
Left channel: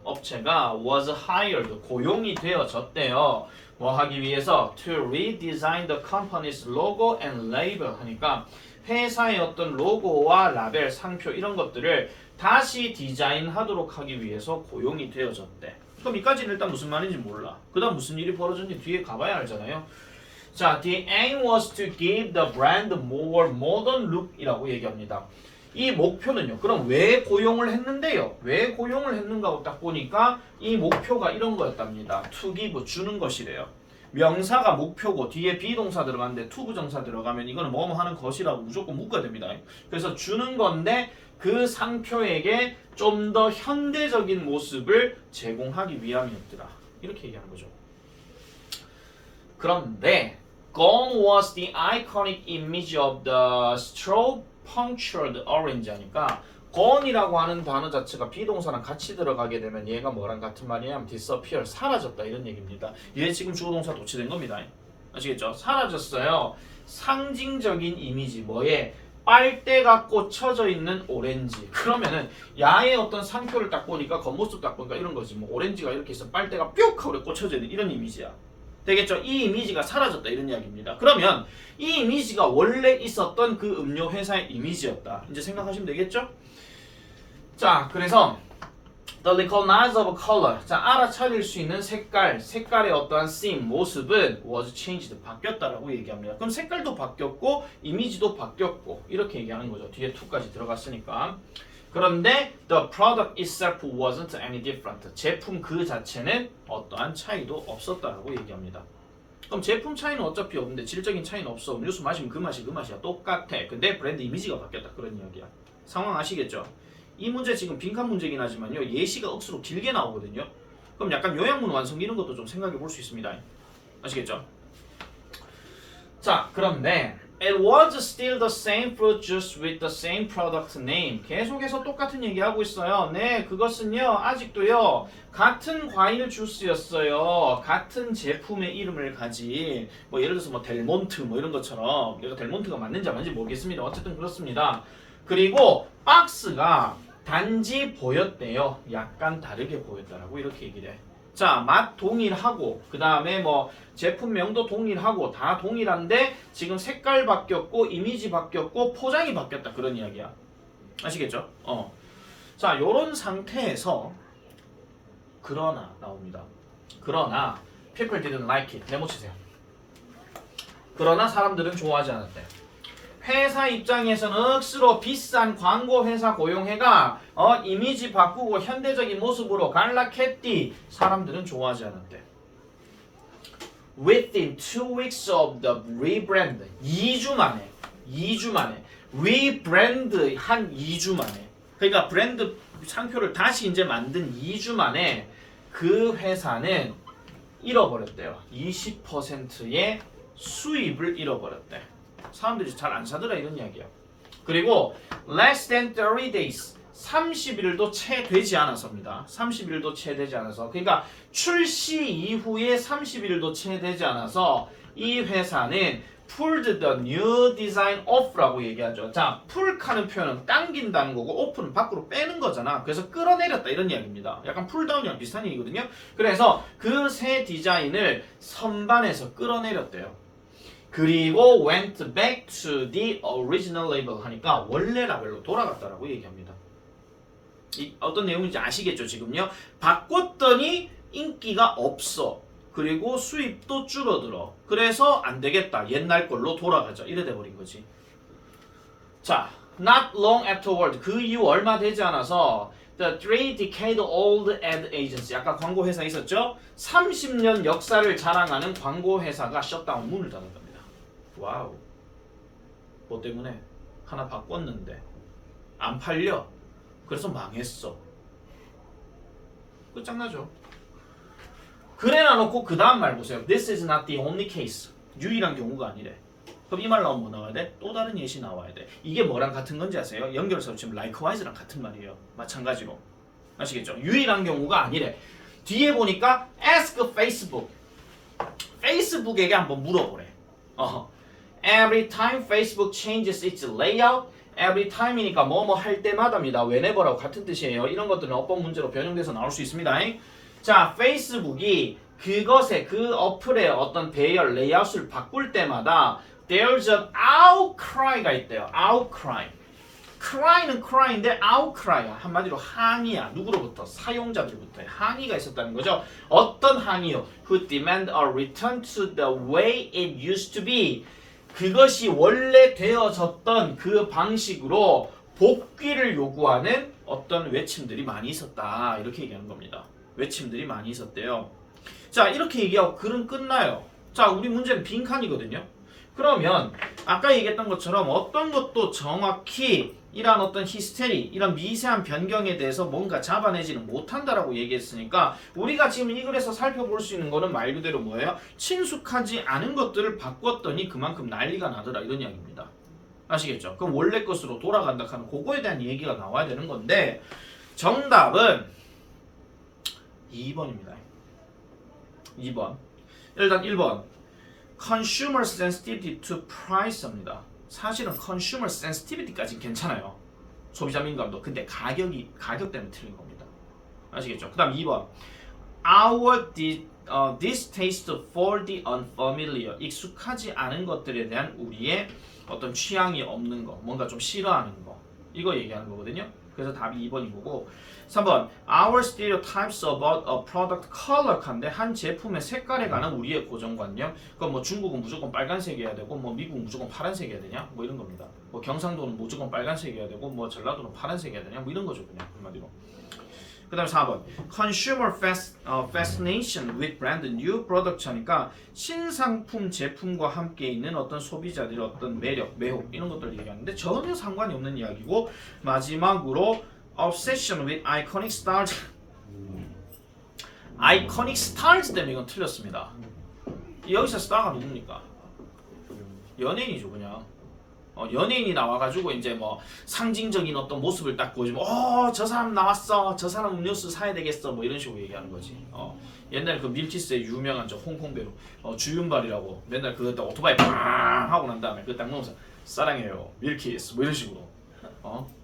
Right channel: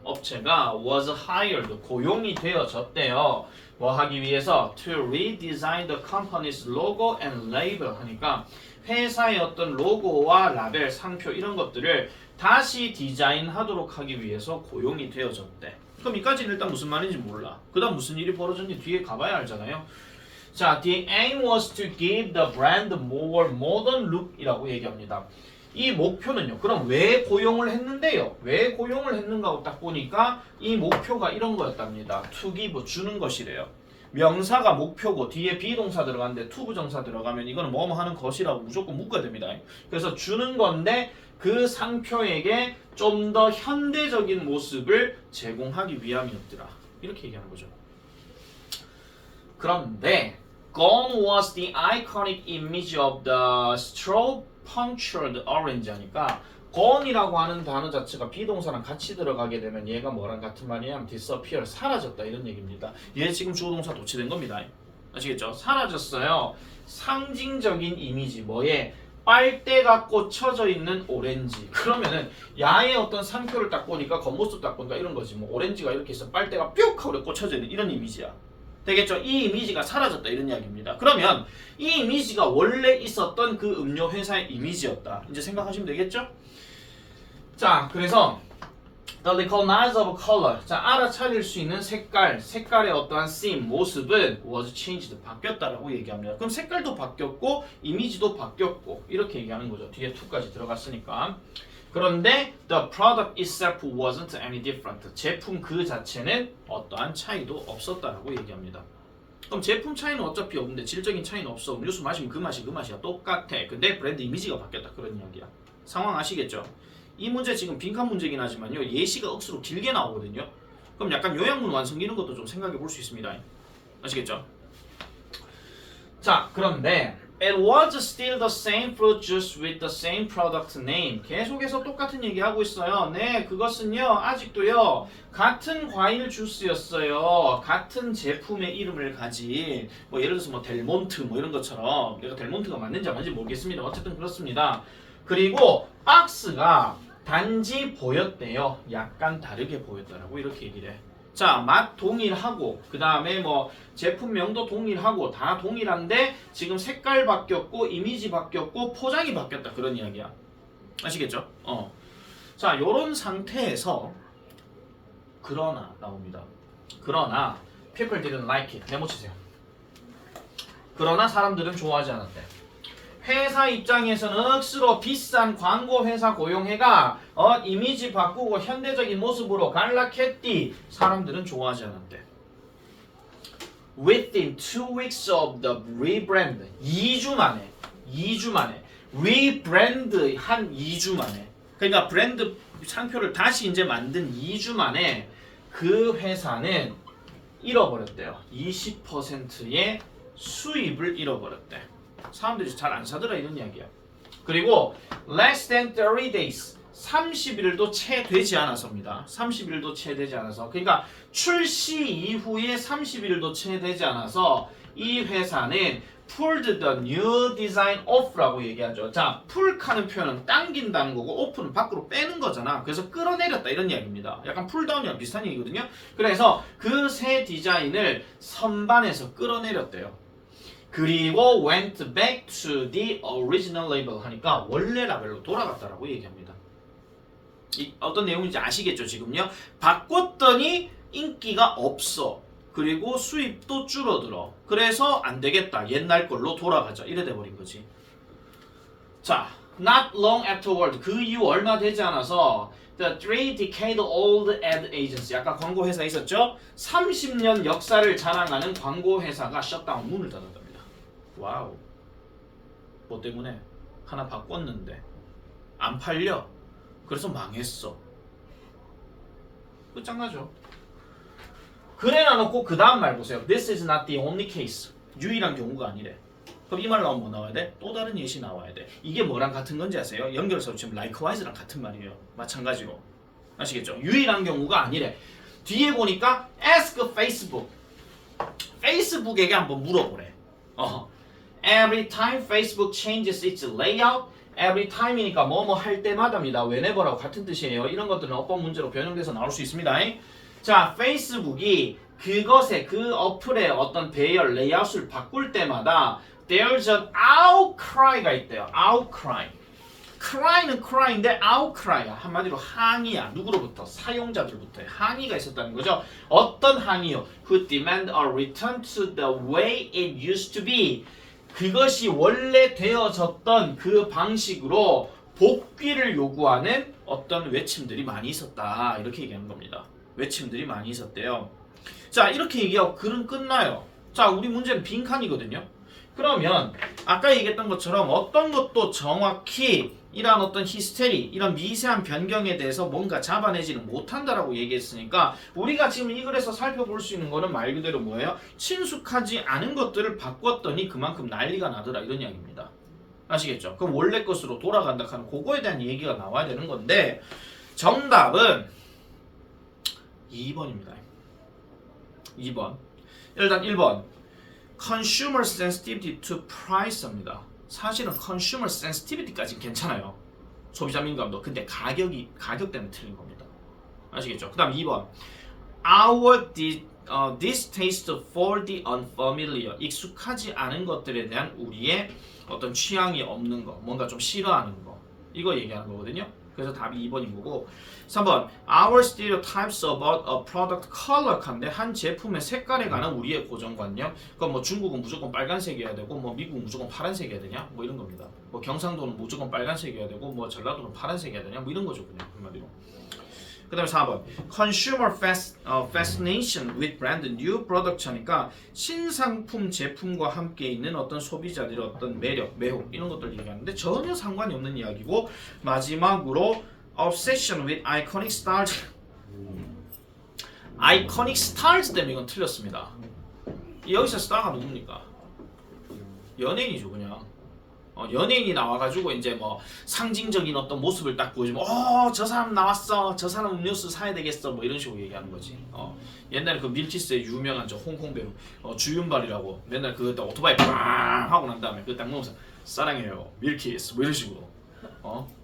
was hired, 고용이 되어졌대요. 뭐 하기 위해서? To redesign the company's logo and label 하니까 회사의 어떤 로고와 라벨, 상표 이런 것들을 다시 디자인하도록 하기 위해서 고용이 되어졌대. 그럼 이까지는 일단 무슨 말인지 몰라. 그 다음 무슨 일이 벌어졌는지 뒤에 가봐야 알잖아요. 자, the aim was to give the brand more modern look이라고 얘기합니다. 이 목표는요. 그럼 왜 고용을 했는데요? 왜 고용을 했는가 하고 딱 보니까 이 목표가 이런 거였답니다. to give, 주는 것이래요. 명사가 목표고 뒤에 비동사 들어가는데 to 부정사 들어가면 이거는 뭐뭐 하는 것이라고 무조건 묶어야 됩니다. 그래서 주는 건데 그 상표에게 좀 더 현대적인 모습을 제공하기 위함이었더라. 이렇게 얘기하는 거죠. 그런데 Gone was the iconic image of the straw punctured orange 하니까 gone이라고 하는 단어 자체가 비동사랑 같이 들어가게 되면 얘가 뭐랑 같은 말이냐면 disappear, 사라졌다 이런 얘기입니다. 얘 지금 주어동사 도치된 겁니다. 아시겠죠? 사라졌어요. 상징적인 이미지 뭐에? 빨대가 꽂혀져 있는 오렌지. 그러면은 야의 어떤 상표를 딱 보니까 겉모습 딱 보니까 이런 거지. 뭐 오렌지가 이렇게 있으면 빨대가 뿅 하고 꽂혀져 있는 이런 이미지야. 되겠죠? 이 이미지가 사라졌다 이런 이야기입니다. 그러면 이 이미지가 원래 있었던 그 음료 회사의 이미지였다. 이제 생각하시면 되겠죠? 자, 그래서 the recognizable color. 자, 알아차릴 수 있는 색깔의 어떠한 theme, 모습은 was changed, 바뀌었다라고 얘기합니다. 그럼 색깔도 바뀌었고 이미지도 바뀌었고 이렇게 얘기하는 거죠. 뒤에 to까지 들어갔으니까. 그런데 the product itself wasn't any different. 제품 그 자체는 어떠한 차이도 없었다라고 얘기합니다. 그럼 제품 차이는 어차피 없는데 질적인 차이는 없어. 음료수 마시면 그 맛이야. 똑같아. 근데 브랜드 이미지가 바뀌었다. 그런 이야기야. 상황 아시겠죠? 이 문제 지금 빈칸 문제긴 하지만요. 예시가 억수로 길게 나오거든요. 그럼 약간 요약문 완성 이런 것도 좀 생각해 볼 수 있습니다. 아시겠죠? 자, 그런데 It was still the same fruit juice with the same product name. 계속해서 똑같은 얘기하고 있어요. 네, 그것은요. 아직도요. 같은 과일 주스였어요. 같은 제품의 이름을 가진 뭐 예를 들어서 뭐 델몬트 뭐 이런 것처럼 얘가 델몬트가 맞는지 안 맞는지 모르겠습니다. 어쨌든 그렇습니다. 그리고 박스가 단지 보였대요. 약간 다르게 보였다라고 이렇게 얘기를 해. 자, 맛 동일하고 그 다음에 뭐 제품명도 동일하고 다 동일한데 지금 색깔 바뀌었고 이미지 바뀌었고 포장이 바뀌었다 그런 이야기야. 아시겠죠? 자, 요런 상태에서 그러나 나옵니다. 그러나 people didn't like it. 메모 치세요. 그러나 사람들은 좋아하지 않았대. 회사 입장에서는 억수로 비싼 광고 회사 고용해가 이미지 바꾸고 현대적인 모습으로 갈라했디. 사람들은 좋아하지 않았대. Within 2 weeks of the rebrand, 2주 만에 rebrand 한 2주 만에, 그러니까 브랜드 상표를 다시 이제 만든 2주 만에 그 회사는 잃어버렸대요. 20%의 수입을 잃어버렸대. 사람들이 잘 안 사더라 이런 이야기야. 그리고 less than 30 days 30일도 채 되지 않아서입니다. 30일도 채 되지 않아서 그러니까 출시 이후에 30일도 채 되지 않아서 이 회사는 pulled the new design off라고 얘기하죠. 자, pull하는 표현은 당긴다는 거고 off는 밖으로 빼는 거잖아. 그래서 끌어내렸다 이런 이야기입니다. 약간 pulldown이랑 비슷한 얘기거든요. 그래서 그 새 디자인을 선반에서 끌어내렸대요. 그리고 went back to the original label 하니까 원래 라벨로 돌아갔다라고 얘기합니다. 어떤 내용인지 아시겠죠 지금요? 바꿨더니 인기가 없어. 그리고 수입도 줄어들어. 그래서 안 되겠다. 옛날 걸로 돌아가자. 이래 돼버린 거지. 자, not long afterward. 그 이후 얼마 되지 않아서 the 3-decade-old ad agency. 아까 광고 회사 있었죠? 30년 역사를 자랑하는 광고 회사가 셧다운 문을 닫았답니다. 와우. 뭐 때문에? 하나 바꿨는데 안 팔려. 그래서 망했어. 끝장나죠. 그래 놔놓고 그 다음 말 보세요. This is not the only case. 유일한 경우가 아니래. 그럼 이 말 나오면 뭐 나와야 돼? 또 다른 예시 나와야 돼. 이게 뭐랑 같은 건지 아세요? 연결해서 지금 likewise랑 같은 말이에요. 마찬가지로. 아시겠죠? 유일한 경우가 아니래. 뒤에 보니까 ask Facebook. 페이스북에게 한번 물어보래. Every time Facebook changes its layout, every time이니까 뭐뭐 할 때마다입니다. whenever하고 같은 뜻이에요. 이런 것들은 어법 문제로 변형돼서 나올 수 있습니다. 자, 페이스북이 그것의 그 어플의 어떤 배열, 레이아웃을 바꿀 때마다 there's an outcry가 있대요. outcry. cry는 cry인데 outcry야. 한마디로 항의야. 누구로부터? 사용자들부터의 항의가 있었다는 거죠. 어떤 항의요? Who demand a return to the way it used to be. 그것이 원래 되어졌던 그 방식으로 복귀를 요구하는 어떤 외침들이 많이 있었다. 이렇게 얘기하는 겁니다. 외침들이 많이 있었대요. 자, 이렇게 얘기하고 글은 끝나요. 자, 우리 문제는 빈칸이거든요. 그러면 아까 얘기했던 것처럼 어떤 것도 정확히 이런 어떤 히스테리, 이런 미세한 변경에 대해서 뭔가 잡아내지는 못한다라고 얘기했으니까 우리가 지금 이 글에서 살펴볼 수 있는 거는 말 그대로 뭐예요? 친숙하지 않은 것들을 바꿨더니 그만큼 난리가 나더라 이런 이야기입니다. 아시겠죠? 그럼 원래 것으로 돌아간다 하는 그거에 대한 얘기가 나와야 되는 건데 정답은 2번입니다. 2번. 일단 1번. Consumer sensitivity to price입니다. 사실은 consumer sensitivity까지는 괜찮아요. 소비자 민감도. 근데 가격 때문에 틀린 겁니다. 아시겠죠? 그 다음 2번. Our distaste for the unfamiliar. 익숙하지 않은 것들에 대한 우리의 어떤 취향이 없는 거. 뭔가 좀 싫어하는 거. 이거 얘기하는 거거든요. 그래서 답이 2번인 거고 3번 Our stereotypes about a product color 칸데 한 제품의 색깔에 관한 우리의 고정관념 그럼 뭐 중국은 무조건 빨간색이어야 되고 뭐 미국은 무조건 파란색이어야 되냐 뭐 이런 겁니다. 뭐 경상도는 무조건 빨간색이어야 되고 뭐 전라도는 파란색이어야 되냐 뭐 이런 거죠 그냥 한마디로. 그 다음 4번 Consumer fascination with brand new product 하니까 신상품 제품과 함께 있는 어떤 소비자들의 어떤 매력, 매혹 이런 것들을 얘기하는데 전혀 상관이 없는 이야기고 마지막으로 Obsession with iconic stars iconic stars 때문에 이건 틀렸습니다. 여기서 스타가 누굽니까? 연예인이죠 그냥. 연예인이 나와가지고 이제 뭐 상징적인 어떤 모습을 딱 보여주면 저 사람 나왔어 저 사람 음료수 사야 되겠어 뭐 이런 식으로 얘기하는 거지. 옛날에 그 밀키스의 유명한 저 홍콩 배우 주윤발이라고 맨날 그 오토바이 빵 하고 난 다음에 그 딱 먹으면서 사랑해요 밀키스 뭐 이런 식으로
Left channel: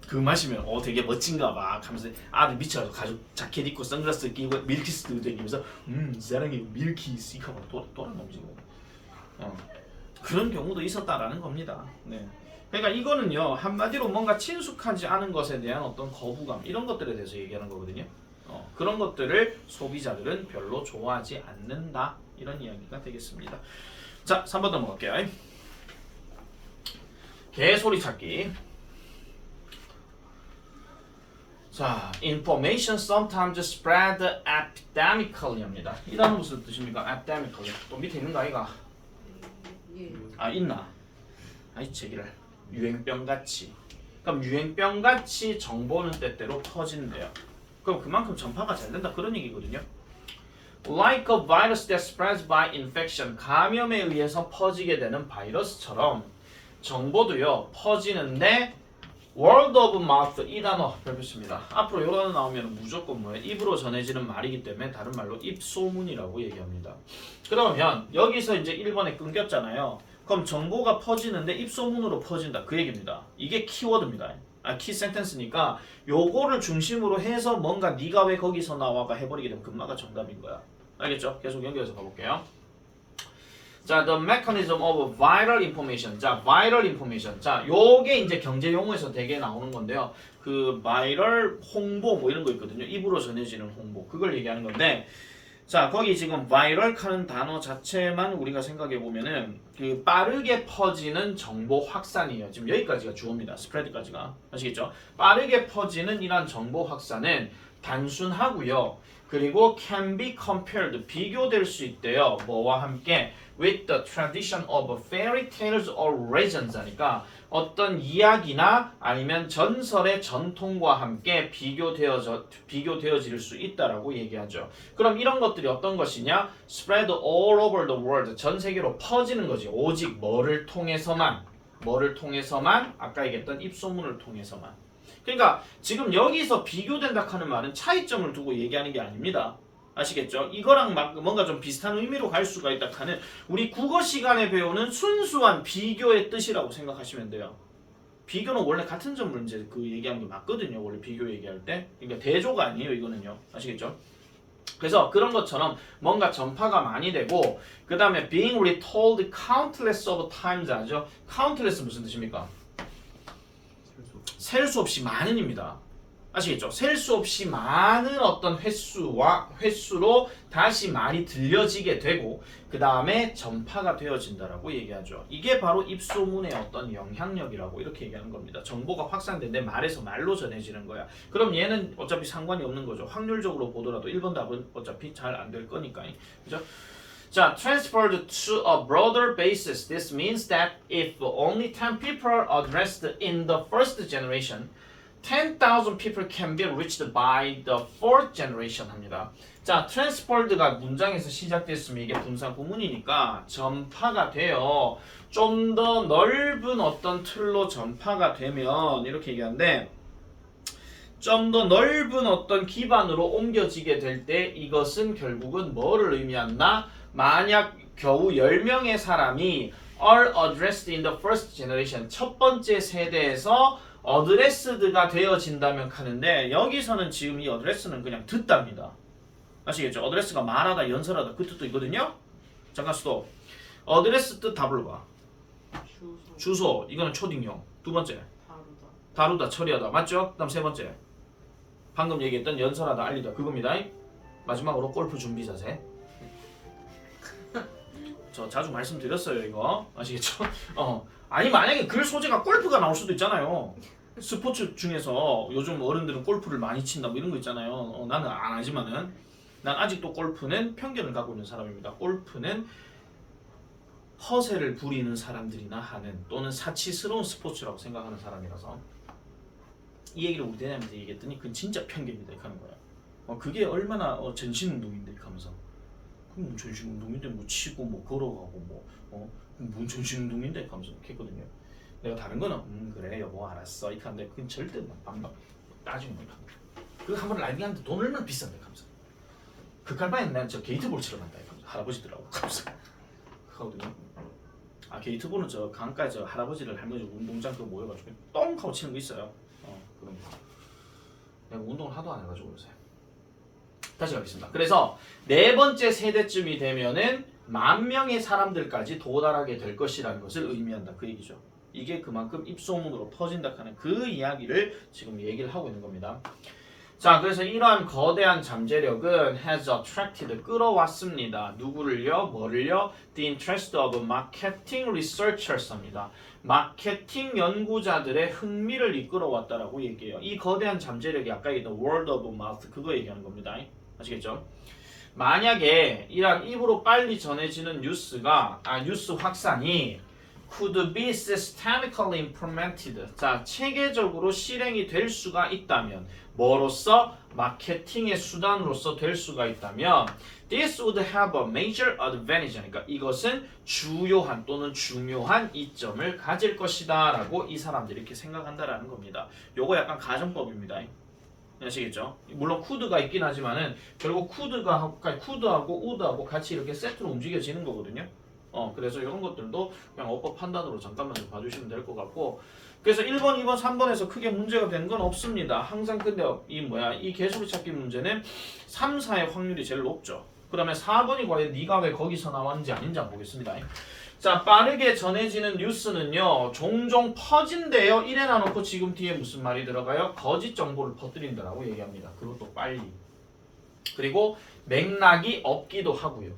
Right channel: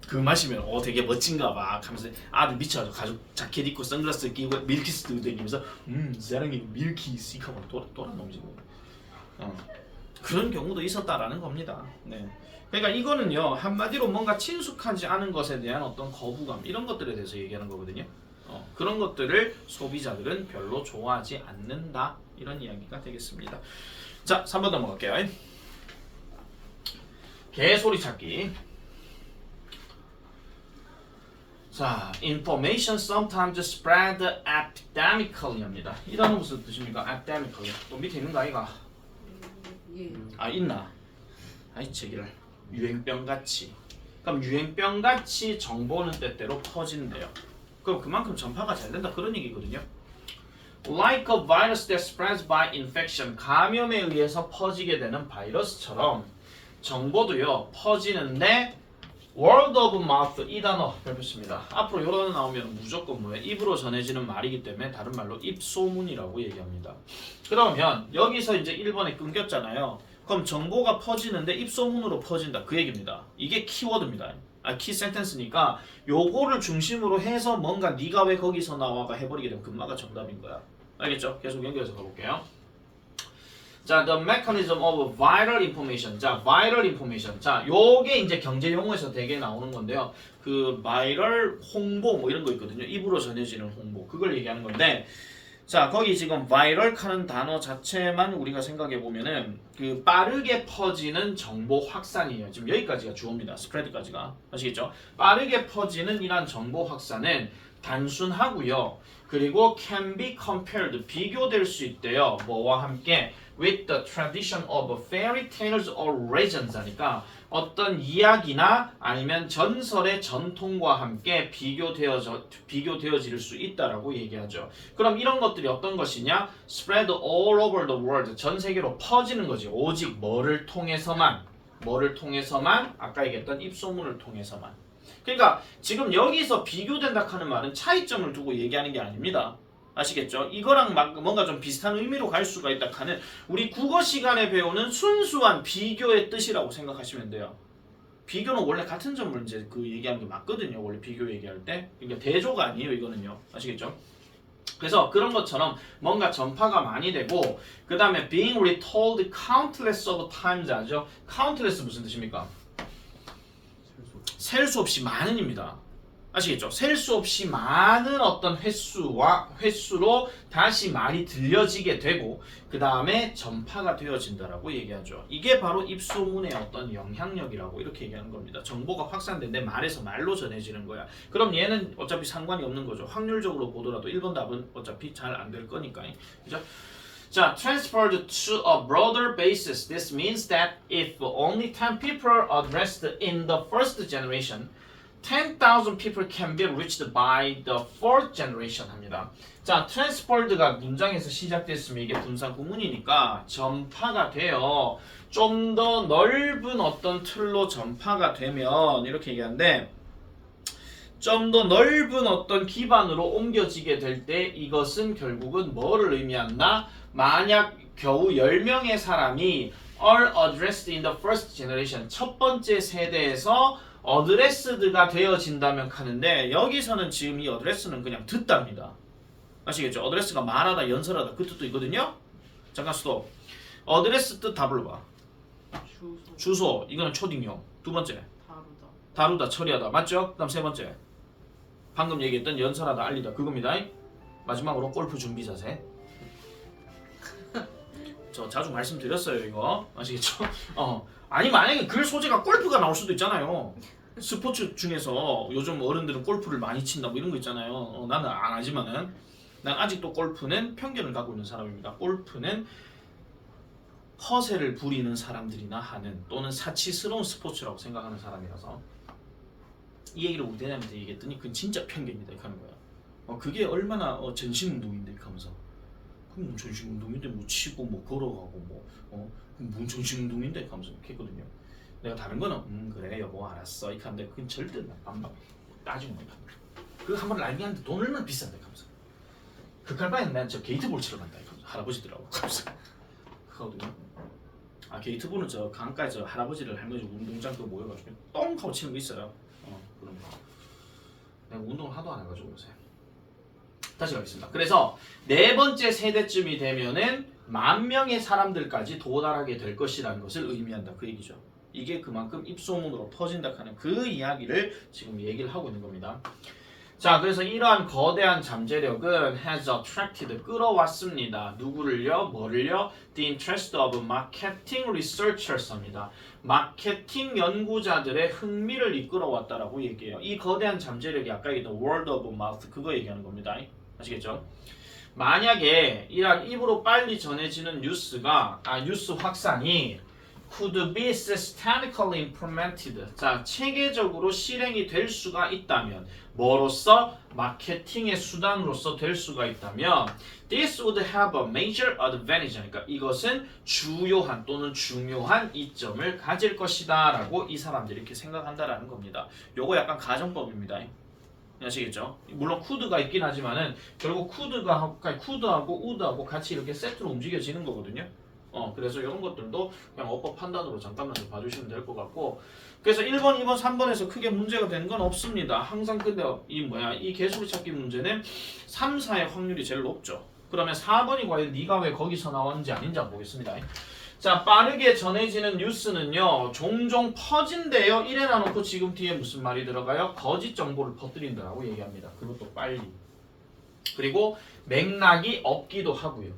그 마시면 되게 멋진가 봐 하면서 아들 미쳐가지고 가죽 자켓 입고 선글라스 끼고 밀키스 들고 다니면서 사랑해요 밀키스 이거 봐 또란 놈이지 그런 경우도 있었다라는 겁니다. 네. 그러니까 이거는요 한마디로 뭔가 친숙하지 않은 것에 대한 어떤 거부감 이런 것들에 대해서 얘기하는 거거든요. 그런 것들을 소비자들은 별로 좋아하지 않는다 이런 이야기가 되겠습니다. 자 3번 넘어갈게요. 개소리 찾기. 자, information sometimes spread epidemically입니다. 이 단어 무슨 뜻입니까? epidemically. 또 밑에 있는 거 아이가? 아 있나? 아이 제기를 유행병같이. 그럼 유행병같이 정보는 때때로 퍼진대요. 그럼 그만큼 전파가 잘 된다 그런 얘기거든요. Like a virus that spreads by infection. 감염에 의해서 퍼지게 되는 바이러스처럼 정보도요 퍼지는데 word of mouth 이 단어 배웠습니다. 앞으로 이거 나오면 무조건 뭐예요? 입으로 전해지는 말이기 때문에 다른 말로 입소문이라고 얘기합니다. 그러면 여기서 이제 1번에 끊겼잖아요. 그럼 정보가 퍼지는데 입소문으로 퍼진다 그 얘기입니다. 이게 키워드입니다. 키 센텐스니까 요거를 중심으로 해서 뭔가 네가 왜 거기서 나와가 해버리게 되면 금마가 정답인 거야. 알겠죠? 계속 연결해서 가볼게요. 자, the mechanism of viral information. 자, viral information. 자, 요게 이제 경제 용어에서 되게 나오는 건데요. 그 바이럴 홍보 뭐 이런 거 있거든요. 입으로 전해지는 홍보. 그걸 얘기하는 건데 자, 거기 지금 viral 하는 단어 자체만 우리가 생각해 보면은 그 빠르게 퍼지는 정보 확산이에요. 지금 여기까지가 주어입니다. spread까지가. 아시겠죠? 빠르게 퍼지는 이란 정보 확산은 단순하고요. 그리고 can be compared 비교될 수 있대요. 뭐와 함께 with the tradition of fairy tales or legends 하니까 어떤 이야기나 아니면 전설의 전통과 함께 비교되어질 수 있다라고 얘기하죠. 그럼 이런 것들이 어떤 것이냐? spread all over the world 전 세계로 퍼지는 거지. 오직 뭐를 통해서만 아까 얘기했던 입소문을 통해서만. 그러니까 지금 여기서 비교된다 하는 말은 차이점을 두고 얘기하는 게 아닙니다. 아시겠죠? 이거랑 뭔가 좀 비슷한 의미로 갈 수가 있다 하는 우리 국어 시간에 배우는 순수한 비교의 뜻이라고 생각하시면 돼요. 비교는 원래 같은 점을 이제 그 얘기하는 게 맞거든요. 원래 비교 얘기할 때. 그러니까 대조가 아니에요. 이거는요. 아시겠죠? 그래서 그런 것처럼 뭔가 전파가 많이 되고 그 다음에 being retold countless of times 하죠. countless 무슨 뜻입니까? 셀 수 없이 많은입니다. 아시겠죠? 셀 수 없이 많은 어떤 횟수로 다시 말이 들려지게 되고 그 다음에 전파가 되어진다라고 얘기하죠. 이게 바로 입소문의 어떤 영향력이라고 이렇게 얘기하는 겁니다. 정보가 확산된 내 말에서 말로 전해지는 거야. 그럼 얘는 어차피 상관이 없는 거죠. 확률적으로 보더라도 1번 답은 어차피 잘 안 될 거니까. 그죠? 자, transferred to a broader basis. This means that if only 10 people are addressed in the first generation, 10,000 people can be reached by the fourth generation 합니다. 자, transferred가 문장에서 시작됐으면 이게 분사 구문이니까 전파가 돼요. 좀 더 넓은 어떤 틀로 전파가 되면 이렇게 얘기하는데 좀 더 넓은 어떤 기반으로 옮겨지게 될 때 이것은 결국은 뭐를 의미한다? 만약 겨우 10명의 사람이 are addressed in the first generation 첫 번째 세대에서 어드레스드가 되어진다면 하는데 여기서는 지금 이 어드레스는 그냥 듣답니다. 아시겠죠? 어드레스가 말하다, 연설하다 그 뜻도 있거든요. 잠깐 스톱. 어드레스 뜻 다 불러봐. 주소. 이거는 초딩용. 두 번째. 다루다, 처리하다. 맞죠? 그 다음 세 번째. 방금 얘기했던 연설하다, 알리다. 그겁니다. 마지막으로 골프 준비 자세. 저 자주 말씀드렸어요 이거. 아시겠죠? 아니 만약에 글 소재가 골프가 나올 수도 있잖아요. 스포츠 중에서 요즘 어른들은 골프를 많이 친다 뭐 이런 거 있잖아요. 나는 안 하지만은 난 아직도 골프는 편견을 갖고 있는 사람입니다. 골프는 허세를 부리는 사람들이나 하는 또는 사치스러운 스포츠라고 생각하는 사람이라서 이 얘기를 우리 대장님한테 얘기했더니 그건 진짜 편견이다 이렇게 하는 거야. 그게 얼마나 전신운동인데 이렇게 하면서 그럼 뭐 전신운동인데 뭐 치고 뭐 걸어가고 뭔 전신운동인데 이렇게 하면서 이렇게 했거든요. 내가 다른 거는 그래 여보 알았어 이렇게 하는데 그건 절대 안 따지고 못 합니다. 그거 한번 라이딩 하는데 돈 얼마나 비싼데 하면서 그 갈바에는 난 저 게이트볼 치러 간다 이렇게 하면서 할아버지들하고 하면서 하거든요. 게이트볼은 저 강가에 저 할아버지들 할머니 운동장도 모여가지고 똥 하고 치는 거 있어요. 그런 거. 내가 운동을 하도 안 해가지고 요새. 다시 가겠습니다. 그래서 네 번째 세대쯤이 되면은 10,000명의 사람들까지 도달하게 될 것이라는 것을 의미한다. 그 얘기죠. 이게 그만큼 입소문으로 퍼진다 하는 그 이야기를 지금 얘기를 하고 있는 겁니다. 자, 그래서 이러한 거대한 잠재력은 has attracted 끌어왔습니다. 누구를요? 뭐를요? The interest of marketing researchers 합니다. 마케팅 연구자들의 흥미를 이끌어왔다라고 얘기해요. 이 거대한 잠재력이 아까 얘기했던 word of mouth 그거 얘기하는 겁니다. 아시겠죠? 만약에 이러한 입으로 빨리 전해지는 뉴스 확산이 could be systematically implemented. 자, 체계적으로 실행이 될 수가 있다면 뭐로서? 마케팅의 수단으로서 될 수가 있다면 this would have a major advantage. 그러니까 이것은 주요한 또는 중요한 이점을 가질 것이다 라고 이 사람들이 이렇게 생각한다라는 겁니다. 요거 약간 가정법입니다. 아시겠죠? 물론 could가 있긴 하지만은 결국 could하고 would하고 같이 이렇게 세트로 움직여지는 거거든요. 그래서 이런 것들도 그냥 어법 판단으로 잠깐만 좀 봐주시면 될 것 같고, 그래서 1번, 2번, 3번에서 크게 문제가 되는 건 없습니다. 항상 근데 이 개수비 찾기 문제는 3, 4의 확률이 제일 높죠. 그러면 4번이 과연 네가 왜 거기서 나왔는지 아닌지 한번 보겠습니다. 자, 빠르게 전해지는 뉴스는요 종종 퍼진대요. 이래 놔놓고 지금 뒤에 무슨 말이 들어가요? 거짓 정보를 퍼뜨린다라고 얘기합니다. 그것도 빨리. 그리고 맥락이 없기도 하고요.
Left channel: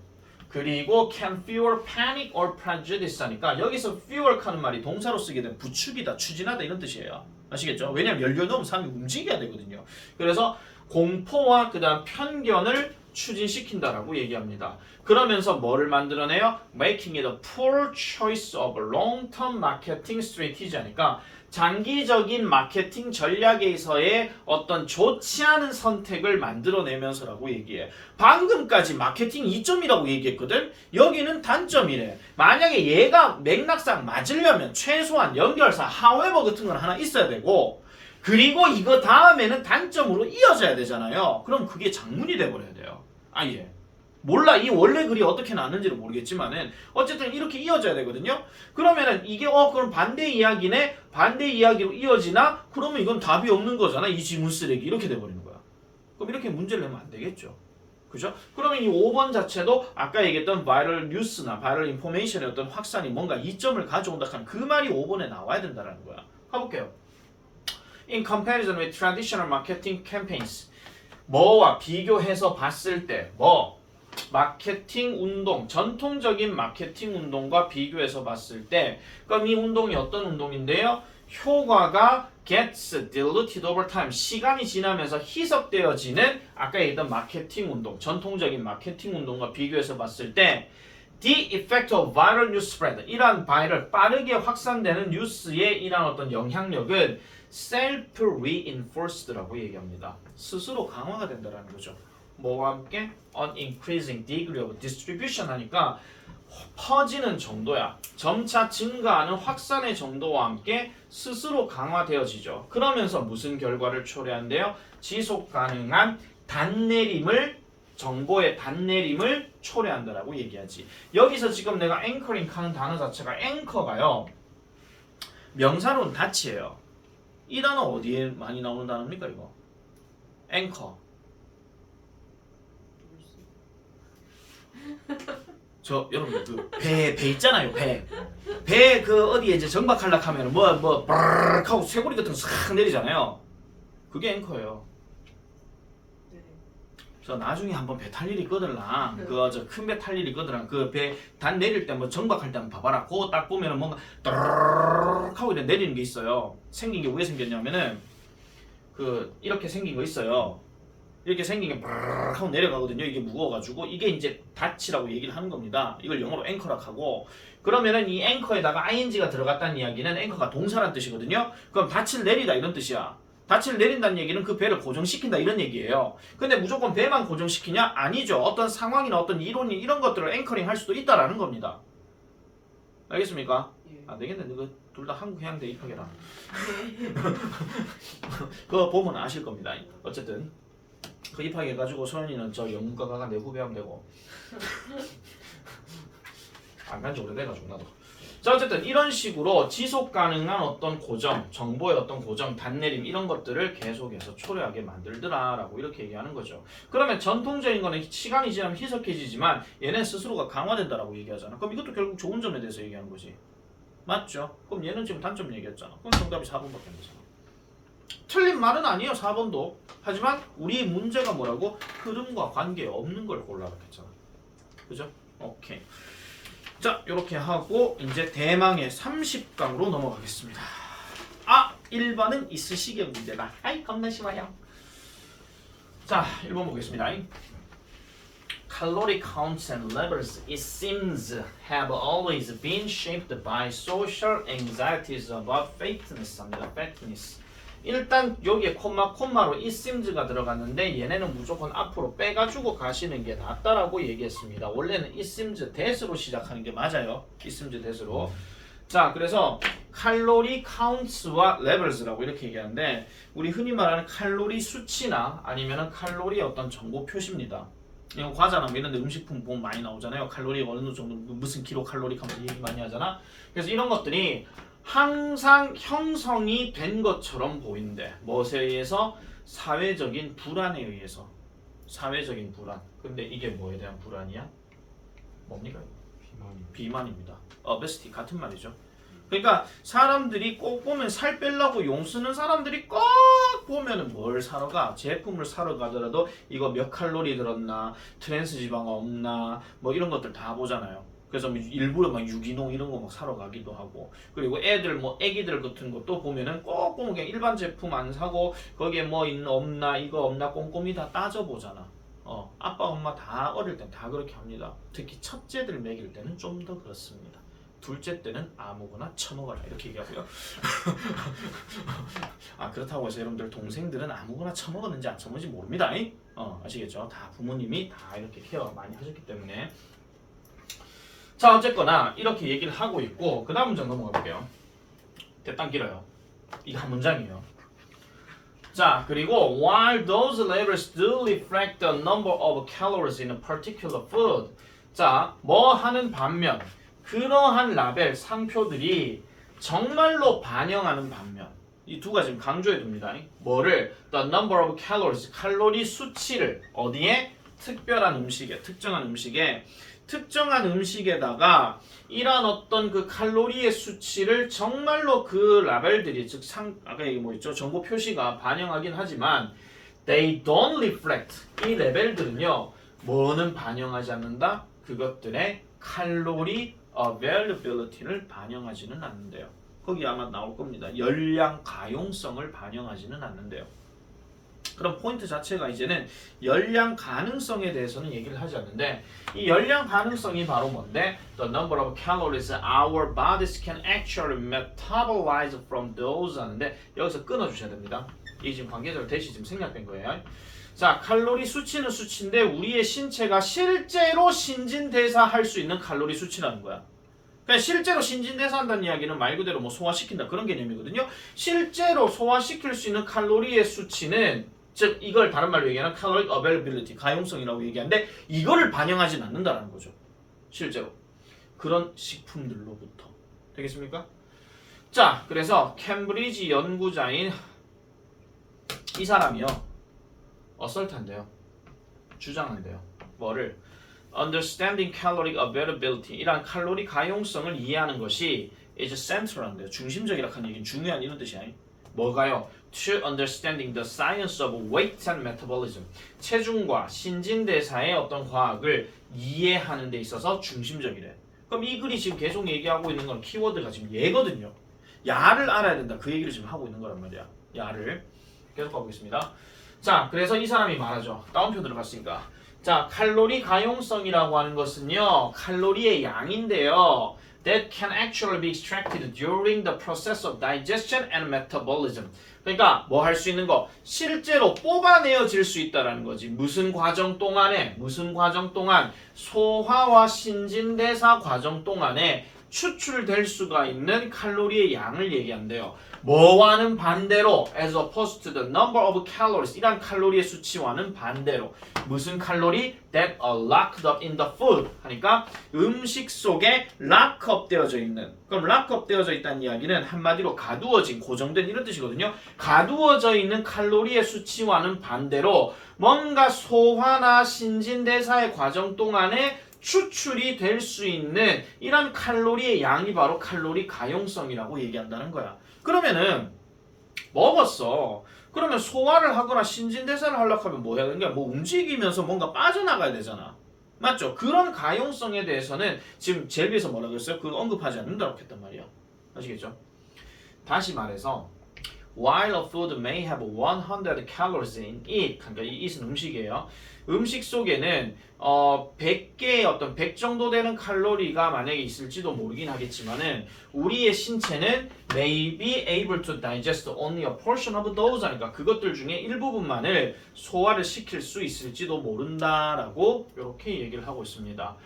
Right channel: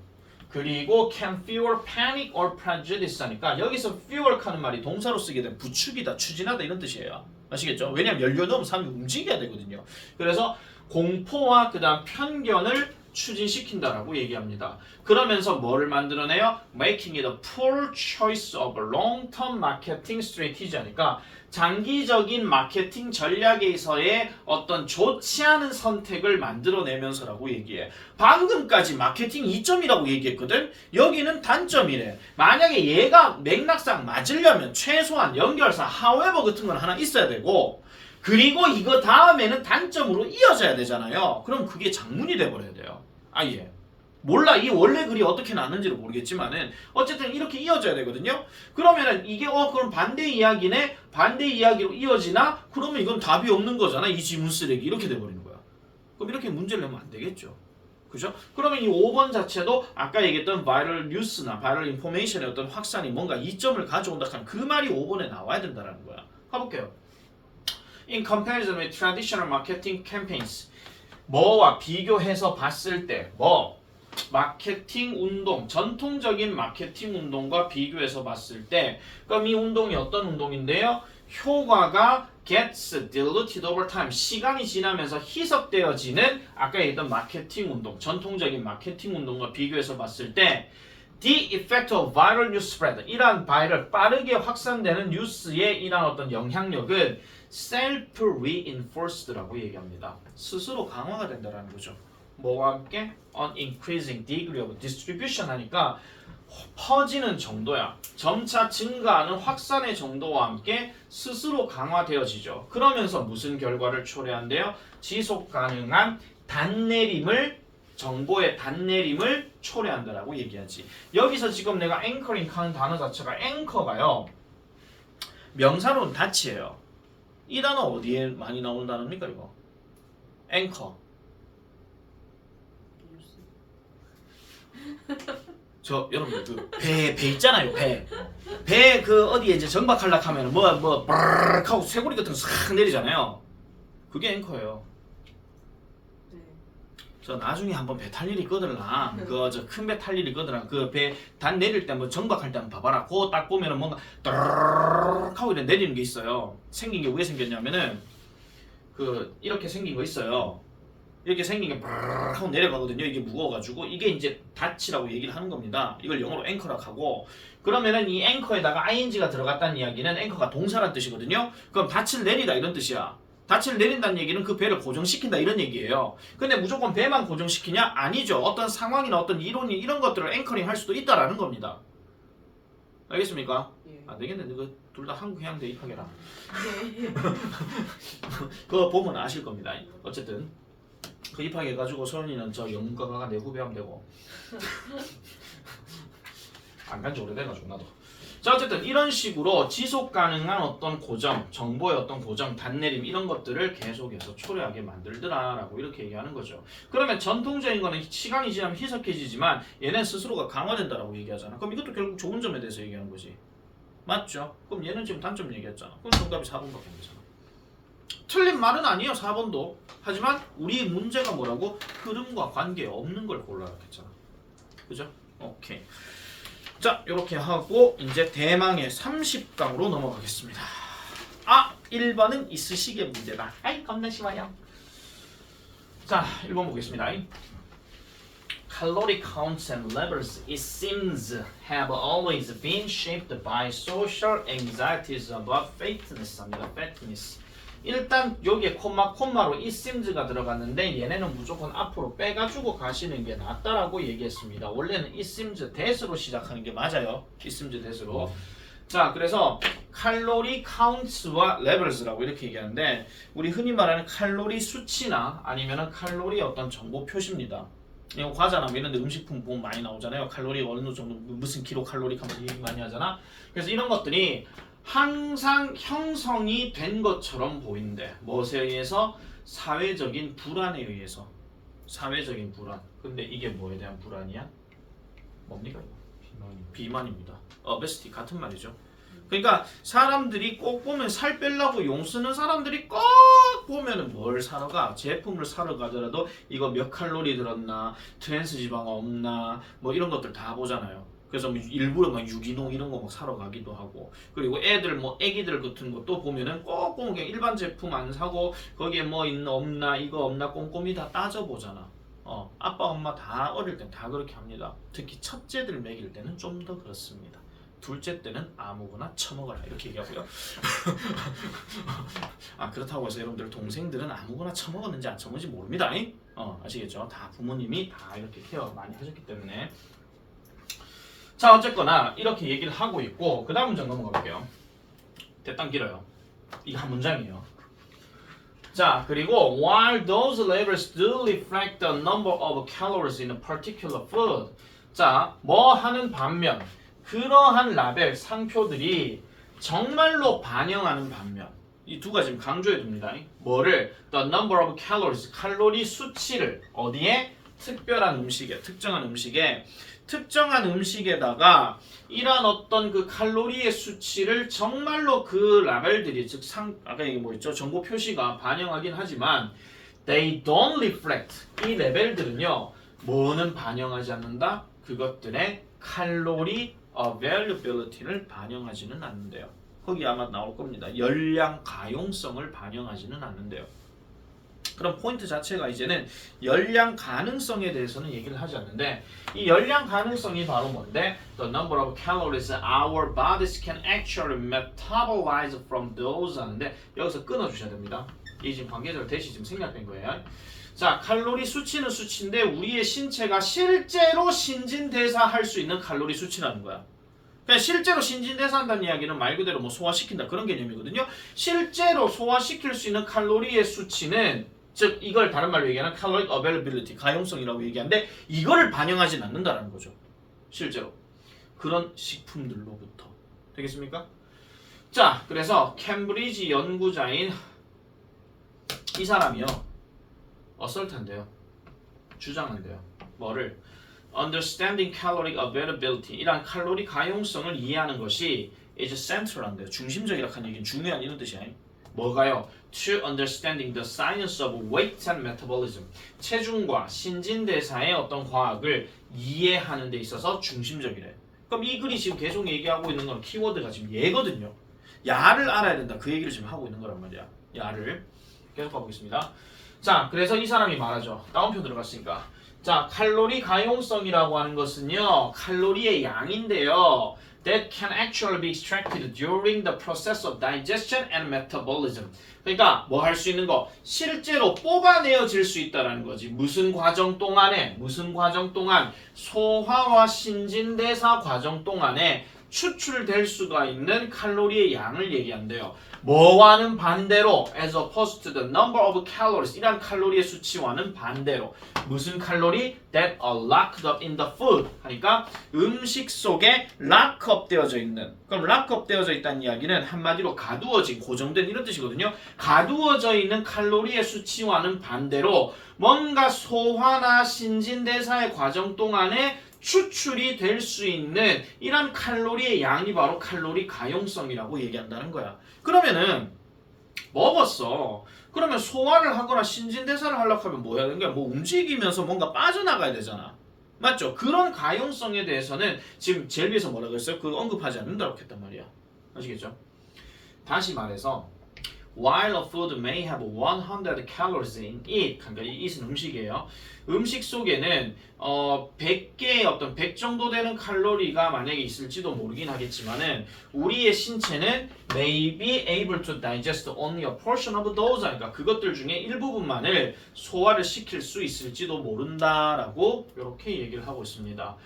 그리고 can fuel panic or prejudice 하니까 여기서 fuel 하는 말이 동사로 쓰게 되면 부추기다, 추진하다 이런 뜻이에요. 아시겠죠? 왜냐하면 연료 넣으면 사람이 움직여야 되거든요. 그래서 공포와 그 다음 편견을 추진시킨다라고 얘기합니다. 그러면서 뭐를 만들어내요? Making it a poor choice of long-term marketing strategy 하니까 장기적인 마케팅 전략에서의 어떤 좋지 않은 선택을 만들어내면서라고 얘기해. 방금까지 마케팅 2점이라고 얘기했거든? 여기는 단점이래. 만약에 얘가 맥락상 맞으려면 최소한 연결사, however 같은 건 하나 있어야 되고, 그리고 이거 다음에는 단점으로 이어져야 되잖아요. 그럼 그게 장문이 돼버려야 돼요. 아예. 몰라, 이 원래 글이 어떻게 났는지를 모르겠지만은 어쨌든 이렇게 이어져야 되거든요. 그러면은 이게 그럼 반대 이야기네, 반대 이야기로 이어지나? 그러면 이건 답이 없는 거잖아. 이 지문 쓰레기 이렇게 돼버리는 거야. 그럼 이렇게 문제를 내면 안 되겠죠. 그죠? 그러면 이 5번 자체도 아까 얘기했던 바이럴 뉴스나 바이럴 인포메이션의 어떤 확산이 뭔가 이점을 가져온다 하는 그 말이 5번에 나와야 된다는 거야. 가볼게요. In comparison with traditional marketing campaigns, 뭐와 비교해서 봤을 때 마케팅 운동, 전통적인 마케팅 운동과 비교해서 봤을 때, 그럼 이 운동이 어떤 운동인데요? 효과가 gets diluted over time, 시간이 지나면서 희석되어지는 아까 얘기했던 마케팅 운동, 전통적인 마케팅 운동과 비교해서 봤을 때 the effect of viral news spread, 이러한 바이럴, 빠르게 확산되는 뉴스의 이러한 어떤 영향력은 self-reinforced라고 얘기합니다. 스스로 강화가 된다는 거죠. 뭐와 함께? An increasing degree of distribution 하니까 퍼지는 정도야. 점차 증가하는 확산의 정도와 함께 스스로 강화되어지죠. 그러면서 무슨 결과를 초래한대요? 지속 가능한 단내림을, 정보의 단내림을 초래한다라고 얘기하지. 여기서 지금 내가 앵커링 하는 단어 자체가 앵커가요, 명사로는 닷이에요. 이 단어 어디에 많이 나오는 단어입니까 이거? 앵커. 저 여러분들 그 배 있잖아요. 배 그 어디에 이제 정박하려고 하면 뭐 브르륵 하고 쇠고리 같은 거 싹 내리잖아요. 그게 앵커예요. 저 나중에 한번 배 탈 일이 있거든라. 그 저 큰 배 탈 일이 있거든라. 그 배 단 내릴 때 뭐 정박할 때 한번 봐봐라. 그거 딱 보면은 뭔가 따르르륵 하고 이렇게 내리는 게 있어요. 생긴 게 왜 생겼냐면은 그 이렇게 생긴 거 있어요. 이렇게 생긴 게 브르륵 하고 내려가거든요. 이게 무거워가지고 이게 이제 닷이라고 얘기를 하는 겁니다. 이걸 영어로 앵커라고 하고, 그러면은 이 앵커에다가 ing가 들어갔다는 이야기는 앵커가 동사란 뜻이거든요. 그럼 닻을 내리다 이런 뜻이야. 닻을 내린다는 얘기는 그 배를 고정시킨다 이런 얘기예요. 근데 무조건 배만 고정시키냐? 아니죠. 어떤 상황이나 어떤 이론이 이런 것들을 앵커링 할 수도 있다라는 겁니다. 알겠습니까? 안 되겠네. 이거 둘 다 한국 해양대 입학해라. 그거 보면 아실 겁니다. 어쨌든 그 입학해가지고 소연이는 저 영문과 가가 내 후배하면 되고 안 간지 오래돼가지고 나도. 자, 어쨌든 이런 식으로 지속 가능한 어떤 고정, 정보의 어떤 고정, 단내림 이런 것들을 계속해서 초래하게 만들더라라고 이렇게 얘기하는 거죠. 그러면 전통적인 거는 시간이 지나면 희석해지지만 얘는 스스로가 강화된다라고 얘기하잖아. 그럼 이것도 결국 좋은 점에 대해서 얘기하는 거지. 맞죠? 그럼 얘는 지금 단점 얘기했잖아. 그럼 정답이 4번밖에 안 되잖아. 틀린 말은 아니에요, 4번도. 하지만 우리 문제가 뭐라고? 흐름과 관계 없는 걸 골라라 했잖아. 그죠? 오케이. 자, 이렇게 하고 이제 대망의 30강으로 넘어가겠습니다. 1번은 있으시게 문제다. 아이, 겁나 쉬워요. 자, 1번 보겠습니다. Calorie counts and levels, it seems, have always been shaped by social anxieties about fatness 합니다. fatness. 일단 여기에 콤마로 it seems가 들어갔는데 얘네는 무조건 앞으로 빼가지고 가시는 게 낫다라고 얘기했습니다. 원래는 it seems that으로 시작하는 게 맞아요. it seems that으로. 자, 그래서 칼로리 카운트와 레벨스라고 이렇게 얘기하는데 우리 흔히 말하는 칼로리 수치나 아니면은 칼로리 어떤 정보 표시입니다. 이거 과자나 뭐 이런 데 음식품 보면 많이 나오잖아요. 칼로리 어느 정도 무슨 킬로 칼로리 카운트 얘기 많이 하잖아. 그래서 이런 것들이 항상 형성이 된 것처럼 보이는데 무엇에 의해서? 사회적인 불안에 의해서. 사회적인 불안. 근데 이게 뭐에 대한 불안이야? 뭡니까 이거? 비만입니다. obesity 같은 말이죠. 그러니까 사람들이 꼭 보면 살 빼려고 용 쓰는 사람들이 꼭 보면은 뭘 사러 가? 제품을 사러 가더라도 이거 몇 칼로리 들었나? 트랜스 지방 없나? 뭐 이런 것들 다 보잖아요. 그래서 일부러 막 유기농 이런 거 막 사러 가기도 하고 그리고 애들 뭐 애기들 같은 것도 보면은 꼭 보면 그냥 일반 제품 안 사고 거기에 뭐 있나 없나 이거 없나 꼼꼼히 다 따져보잖아. 아빠 엄마 다 어릴 땐 다 그렇게 합니다. 특히 첫째들 먹일 때는 좀 더 그렇습니다. 둘째 때는 아무거나 처먹어라 이렇게 얘기하고요. 아 그렇다고 해서 여러분들 동생들은 아무거나 처먹었는지 안 처먹는지 모릅니다. 아시겠죠? 다 부모님이 다 이렇게 케어 많이 하셨기 때문에. 자 어쨌거나 이렇게 얘기를 하고 있고 그 다음 문장 넘어가 볼게요. 대단 길어요. 이거 한 문장이에요. 자 그리고 while those labels do reflect the number of calories in a particular food 자 뭐 하는 반면 그러한 라벨 상표들이 정말로 반영하는 반면 이 두 가지 강조해 둡니다. 뭐를? The number of calories 칼로리 수치를 어디에? 특별한 음식에 특정한 음식에다가 이런 어떤 그 칼로리의 수치를 정말로 그 라벨들이 즉 아까 얘기 뭐 있죠? 정보 표시가 반영하긴 하지만 they don't reflect 이 레벨들은요 뭐는 반영하지 않는다? 그것들의 칼로리 availability를 반영하지는 않는데요. 거기 아마 나올 겁니다. 열량 가용성을 반영하지는 않는데요. 그럼 포인트 자체가 이제는 열량 가능성에 대해서는 얘기를 하지 않는데 이 열량 가능성이 바로 뭔데? The number of calories our bodies can actually metabolize from those 하는데 여기서 끊어주셔야 됩니다. 이게 지금 관계적으로 대시 지금 생략된 거예요. 자 칼로리 수치는 수치인데 우리의 신체가 실제로 신진대사할 수 있는 칼로리 수치라는 거야. 그러니까 실제로 신진대사한다는 이야기는 말 그대로 뭐 소화시킨다 그런 개념이거든요. 실제로 소화시킬 수 있는 칼로리의 수치는 즉 이걸 다른 말로 얘기하는 caloric availability 가용성이라고 얘기하는데 이거를 반영하진 않는다는 거죠. 실제로 그런 식품들로부터 되겠습니까? 자 그래서 캠브리지 연구자인 이 사람이요 어설트한데요 주장한대요 뭐를? Understanding caloric availability 이란 칼로리 가용성을 이해하는 것이 is central한데요 중심적이라 하는 얘기는 중요한 이런 뜻이야. 뭐가요? To understanding the science of weight and metabolism 체중과 신진대사의 어떤 과학을 이해하는 데 있어서 중심적이래. 그럼 이 글이 지금 계속 얘기하고 있는 건 키워드가 지금 얘거든요. 야를 알아야 된다 그 얘기를 지금 하고 있는 거란 말이야. 야를 계속 가보겠습니다. 자 그래서 이 사람이 말하죠. 다운표 들어갔으니까 자 칼로리 가용성이라고 하는 것은요 칼로리의 양인데요 that can actually be extracted during the process of digestion and metabolism 그러니까 뭐 할 수 있는 거 실제로 뽑아내어질 수 있다는 거지. 무슨 과정 동안에 소화와 신진대사 과정 동안에 추출될 수가 있는 칼로리의 양을 얘기한대요. 뭐와는 반대로 as opposed to the number of calories 이란 칼로리의 수치와는 반대로 무슨 칼로리? that are locked up in the food 하니까 음식 속에 lock-up 되어져 있는 그럼 lock-up 되어져 있다는 이야기는 한마디로 가두어진 고정된 이런 뜻이거든요. 가두어져 있는 칼로리의 수치와는 반대로 뭔가 소화나 신진대사의 과정 동안에 추출이 될 수 있는 이런 칼로리의 양이 바로 칼로리 가용성이라고 얘기한다는 거야. 그러면은 먹었어. 그러면 소화를 하거나 신진대사를 하려고 하면 뭐 해야 되는 거야? 뭐 움직이면서 뭔가 빠져나가야 되잖아. 맞죠? 그런 가용성에 대해서는 지금 제일 위에서 뭐라고 했어요? 그거 언급하지 않는다고 했단 말이야. 아시겠죠? 다시 말해서 while a food may have 100 calories in it. 그러니까 이 it은 음식이에요. 음식 속에는 100개의 어떤 100 정도 되는 칼로리가 만약에 있을지도 모르긴 하겠지만은 우리의 신체는 may be able to digest only a portion of those. 그러니까 그것들 중에 일부분만을 소화를 시킬 수 있을지도 모른다라고 이렇게 얘기를 하고 있습니다.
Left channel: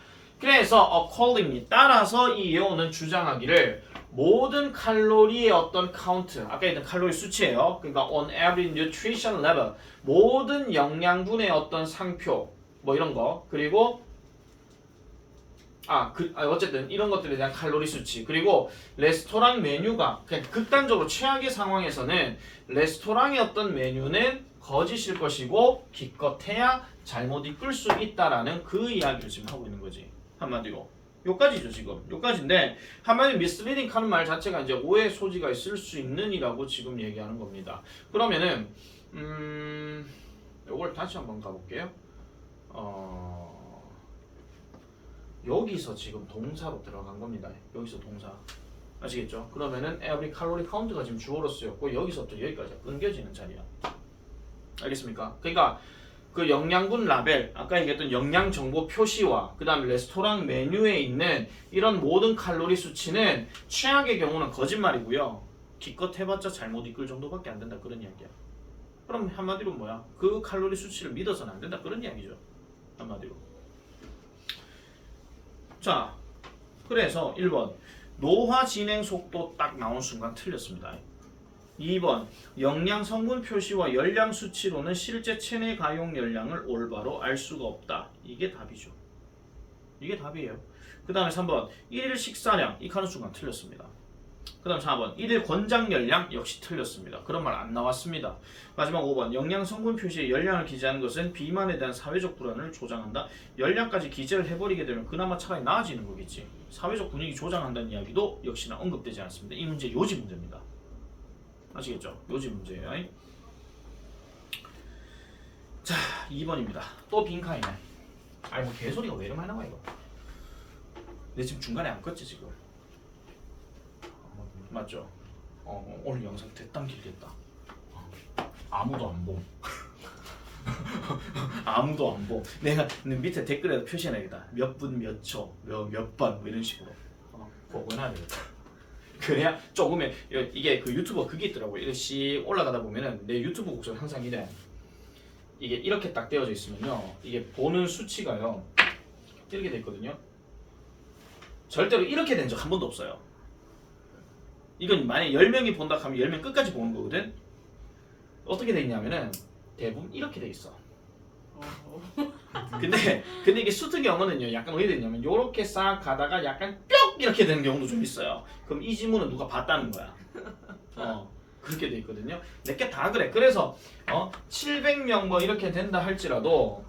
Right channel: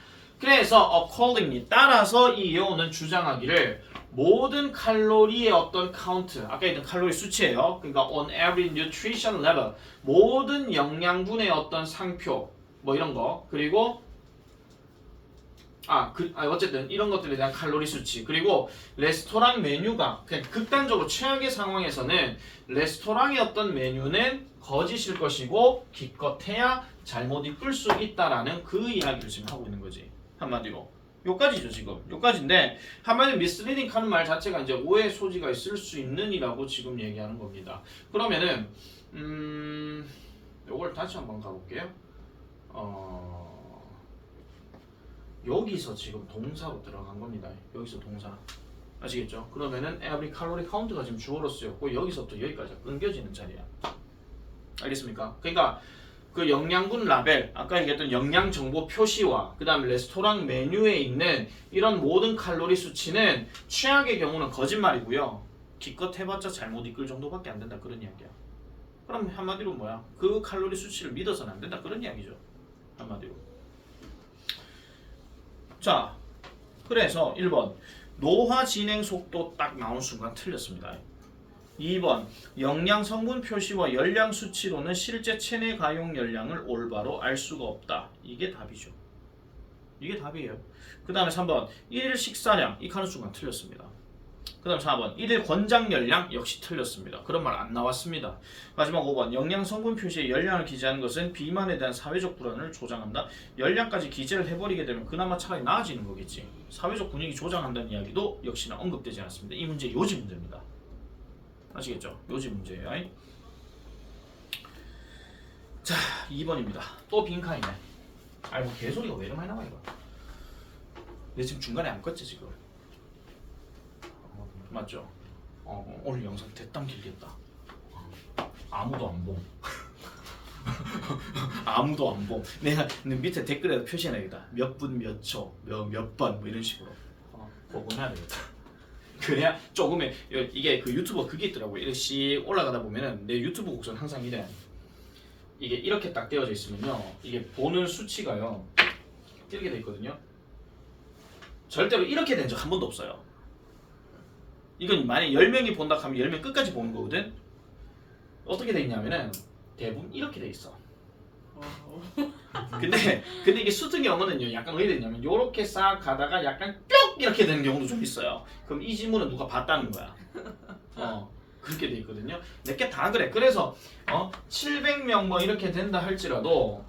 그래서 accordingly 따라서 이 예언은 주장하기를 모든 칼로리의 어떤 카운트, 아까 했던 칼로리 수치예요. 그러니까 on every nutrition level 모든 영양분의 어떤 상표 뭐 이런 거 그리고 어쨌든 이런 것들에 대한 칼로리 수치 그리고 레스토랑 메뉴가 그냥 극단적으로 최악의 상황에서는 레스토랑의 어떤 메뉴는 거짓일 것이고 기껏해야 잘못 이끌 수 있다라는 그 이야기를 지금 하고 있는 거지. 한마디로 요까지죠 지금 요까지인데 한마디로 misleading 하는 말 자체가 이제 오해 소지가 있을 수 있는이라고 지금 얘기하는 겁니다. 그러면은 요걸 다시 한번 가볼게요. 여기서 지금 동사로 들어간 겁니다. 여기서 동사 아시겠죠? 그러면은 every calorie count가 지금 주어로 쓰였고 여기서부터 여기까지 끊겨지는 자리야. 알겠습니까? 그러니까 그 영양분 라벨, 아까 얘기했던 영양 정보 표시와 그 다음에 레스토랑 메뉴에 있는 이런 모든 칼로리 수치는 최악의 경우는 거짓말이고요. 기껏 해봤자 잘못 이끌 정도밖에 안 된다 그런 이야기야. 그럼 한마디로 뭐야? 그 칼로리 수치를 믿어서는 안 된다 그런 이야기죠. 한마디로. 자, 그래서 1번 노화 진행 속도 딱 나온 순간 틀렸습니다. 2번 영양 성분 표시와 열량 수치로는 실제 체내 가용 열량을 올바로 알 수가 없다. 이게 답이죠. 이게 답이에요. 그 다음에 3번 1일 식사량 이 가는 순간 틀렸습니다. 그 다음 4번 1일 권장 열량 역시 틀렸습니다. 그런 말 안 나왔습니다. 마지막 5번 영양 성분 표시에 열량을 기재하는 것은 비만에 대한 사회적 불안을 조장한다. 열량까지 기재를 해버리게 되면 그나마 차라리 나아지는 거겠지. 사회적 분위기 조장한다는 이야기도 역시나 언급되지 않습니다. 이 문제 요지 문제입니다. 아시겠죠? 요지 문제예요. 자 2번입니다. 또 빈칸이네. 아이 뭐 개소리가 왜 이렇게 많이 나와 이거. 내 지금 중간에 안 껐지 지금. 맞죠? 오늘 영상 대담 길겠다. 아무도 안 봄. 아무도 안 봄. 내가 밑에 댓글에 표시해놔야겠다. 몇 분 몇 초, 몇 번 뭐 이런 식으로. 그거 해야 되겠다. 그래야 조금의 이게 그 유튜버 그게 있더라고요. 이렇게 올라가다 보면은 내 유튜브 곡선 항상 이래. 이게 이렇게 딱 떼어져 있으면요. 이게 보는 수치가요. 이렇게 돼 있거든요. 절대로 이렇게 된 적 한 번도 없어요. 이건 만약에 10명이 본다 하면 10명 끝까지 보는 거거든. 어떻게 돼 있냐면은 대부분 이렇게 돼 있어. 근데 이게 수특 영어는요 약간 어떻게 되냐면 요렇게 싹 가다가 약간 뿅 이렇게 되는 경우도 좀 있어요. 그럼 이 지문은 누가 봤다는 거야. 그렇게 돼 있거든요. 몇 개 다 그래. 그래서 700명 뭐 이렇게 된다 할지라도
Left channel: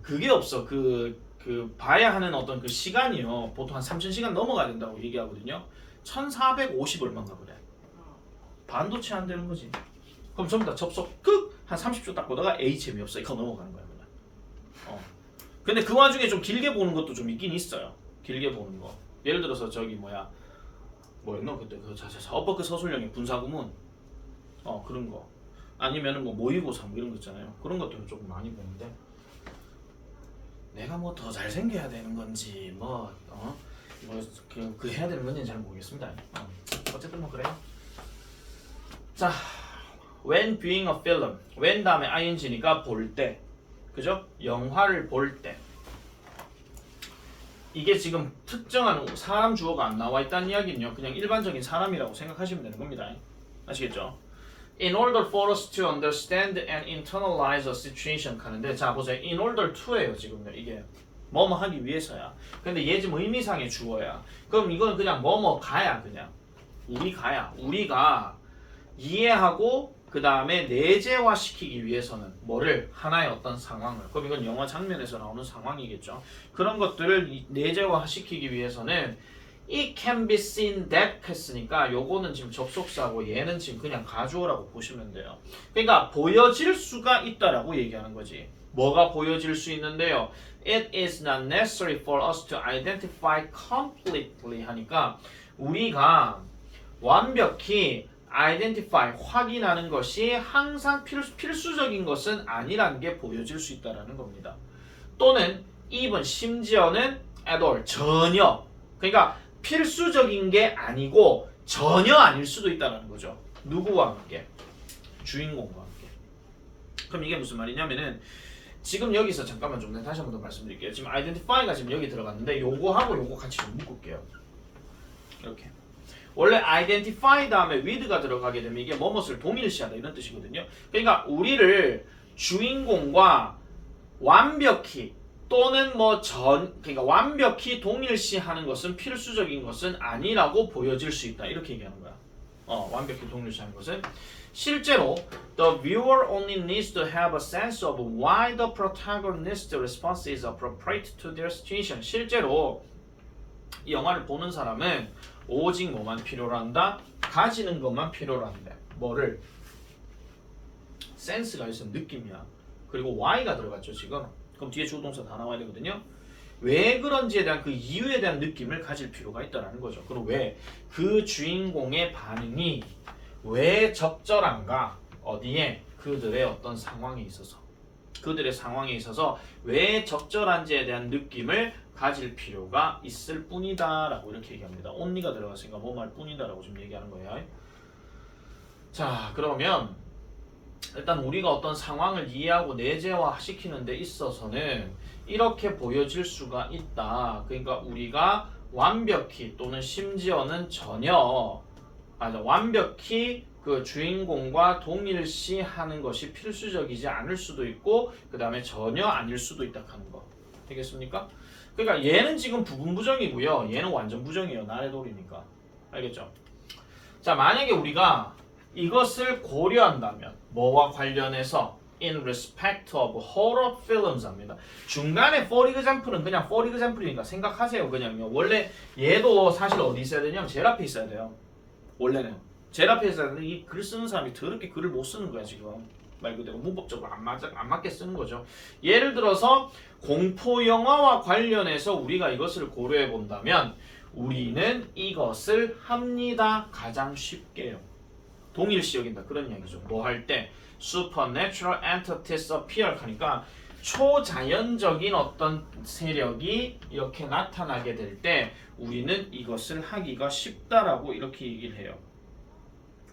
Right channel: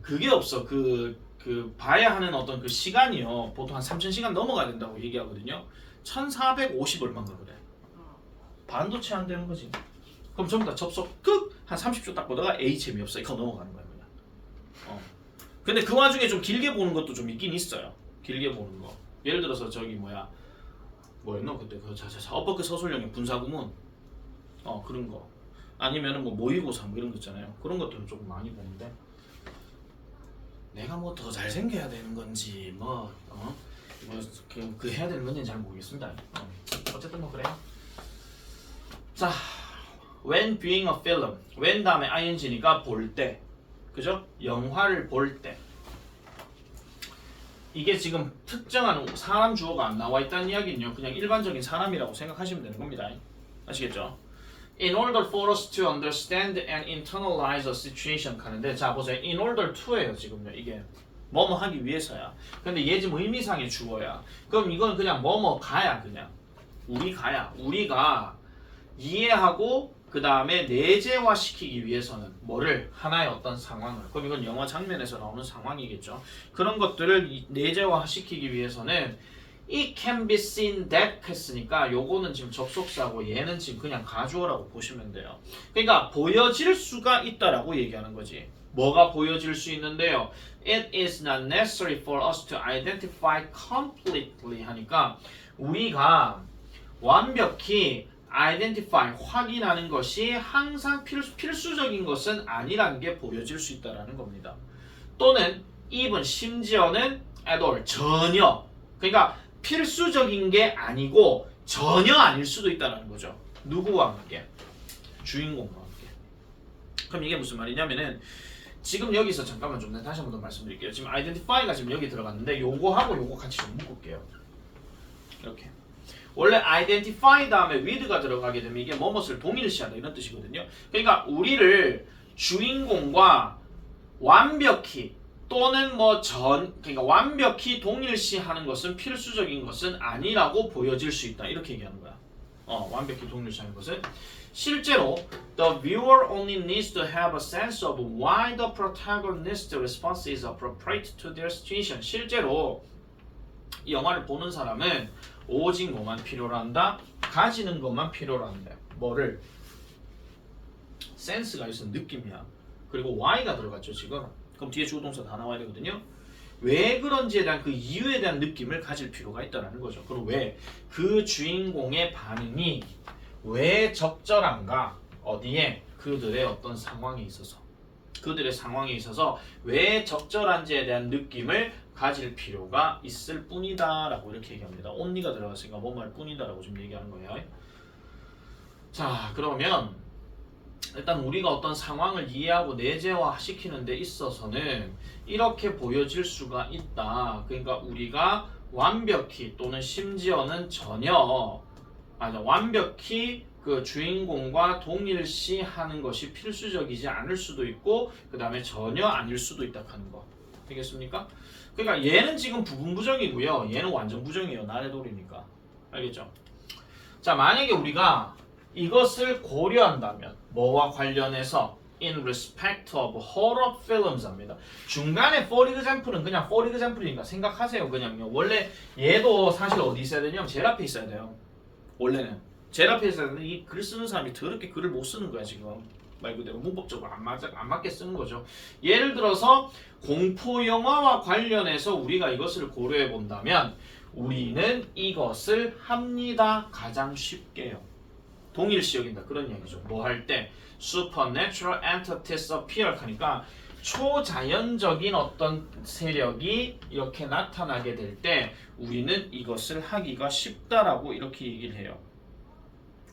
그게 없어. 그 봐야 하는 어떤 그 시간이요 보통 한 3000시간 넘어가야 된다고 얘기하거든요. 1450 얼마인가 그래. 반도 채 안 되는 거지. 그럼 전부 다 접속 끝! 한 30초 딱 보다가 에이 재미없어 이거 넘어가는 거야 그냥. 근데 그 와중에 좀 길게 보는 것도 좀 있긴 있어요. 길게 보는 거. 예를 들어서 저기 뭐였노 그때 그 엇버크 서술형의 분사구문 그런 거. 아니면은 뭐 모의고사 뭐 이런 거 있잖아요. 그런 것들은 조금 많이 보는데 내가 뭐 더 잘생겨야 되는 건지 그 해야 되는 건지는 잘 모르겠습니다. 어쨌든 뭐 그래요. 자, when viewing a film, when 다음에 ing니까 볼 때, 그죠? 영화를 볼 때. 이게 지금 특정한 사람 주어가 안 나와 있다는 이야기는요. 그냥 일반적인 사람이라고 생각하시면 되는 겁니다. 아시겠죠? In order for us to understand and internalize a situation 하는데 자 보세요. In order to예요 지금요. 이게 뭐뭐 하기 위해서야. 근데 얘 지금 의미상의 주어야. 그럼 이건 그냥 뭐뭐 가야 그냥 우리가 이해하고 그 다음에 내재화시키기 위해서는 뭐를 하나의 어떤 상황을 그럼 이건 영화 장면에서 나오는 상황이겠죠. 그런 것들을 내재화시키기 위해서는 It can be seen that 했으니까 요거는 지금 접속사고 얘는 지금 그냥 가주어라고 보시면 돼요. 그러니까 보여질 수가 있다라고 얘기하는 거지. 뭐가 보여질 수 있는데요. It is not necessary for us to identify completely 하니까 우리가 완벽히 identify, 확인하는 것이 항상 필수적인 것은 아니라는 게 보여질 수 있다는 겁니다. 또는 even, 심지어는 at all, 전혀. 그러니까 필수적인 게 아니고 전혀 아닐 수도 있다는 거죠. 누구와 함께? 주인공과 함께. 그럼 이게 무슨 말이냐면은 지금 여기서 잠깐만 좀 다시 한 번 더 말씀드릴게요. 지금 identify가 지금 여기 들어갔는데 요거하고 요거 같이 좀 묶을게요. 이렇게. 원래 identify 다음에 with가 들어가게 되면 이게 뭐뭇을 동일시하다 이런 뜻이거든요. 그러니까 우리를 주인공과 완벽히 또는 그러니까 완벽히 동일시하는 것은 필수적인 것은 아니라고 보여질 수 있다. 이렇게 얘기하는 거야. 완벽히 동일시하는 것은 실제로 the viewer only needs to have a sense of why the protagonist's response is appropriate to their situation. 실제로 이 영화를 보는 사람은 오직 뭐만 필요로 한다? 가지는 것만 필요로 한다. 뭐를? 센스가 있어, 느낌이야. 그리고 why가 들어갔죠 지금. 그럼 뒤에 주어동사 다 나와야 되거든요. 왜 그런지에 대한 그 이유에 대한 느낌을 가질 필요가 있다는 거죠. 그리고 왜? 그 주인공의 반응이 왜 적절한가? 어디에? 그들의 어떤 상황에 있어서. 그들의 상황에 있어서 왜 적절한지에 대한 느낌을 가질 필요가 있을 뿐이다 라고 이렇게 얘기합니다. only가 들어갔으니까 뭐 말 뿐이다 라고 좀 얘기하는 거예요. 자, 그러면 일단 우리가 어떤 상황을 이해하고 내재화시키는 데 있어서는 이렇게 보여질 수가 있다. 그러니까 우리가 완벽히 또는 심지어는 전혀 완벽히 그 주인공과 동일시하는 것이 필수적이지 않을 수도 있고 그 다음에 전혀 아닐 수도 있다 하는 거. 되겠습니까? 그러니까 얘는 지금 부분 부정이고요. 얘는 완전 부정이에요. 나래돌이니까. 알겠죠? 자, 만약에 우리가 이것을 고려한다면 뭐와 관련해서 in respect of horror films 합니다. 중간에 for example은 그냥 for example이니까 생각하세요. 그냥요. 원래 얘도 사실 어디 있어야 되냐면 제일 앞에 있어야 돼요. 원래는 제일 앞에 있어야 되는데 이 글 쓰는 사람이 더럽게 글을 못 쓰는 거야 지금. 말 그대로 문법적으로 안 맞게 쓰는 거죠. 예를 들어서 공포 영화와 관련해서 우리가 이것을 고려해 본다면 우리는 이것을 합니다. 가장 쉽게요. 동일시 여긴다 그런 이야기죠. 뭐 할 때 supernatural entities appear 하니까 초자연적인 어떤 세력이 이렇게 나타나게 될 때 우리는 이것을 하기가 쉽다라고 이렇게 얘기를 해요.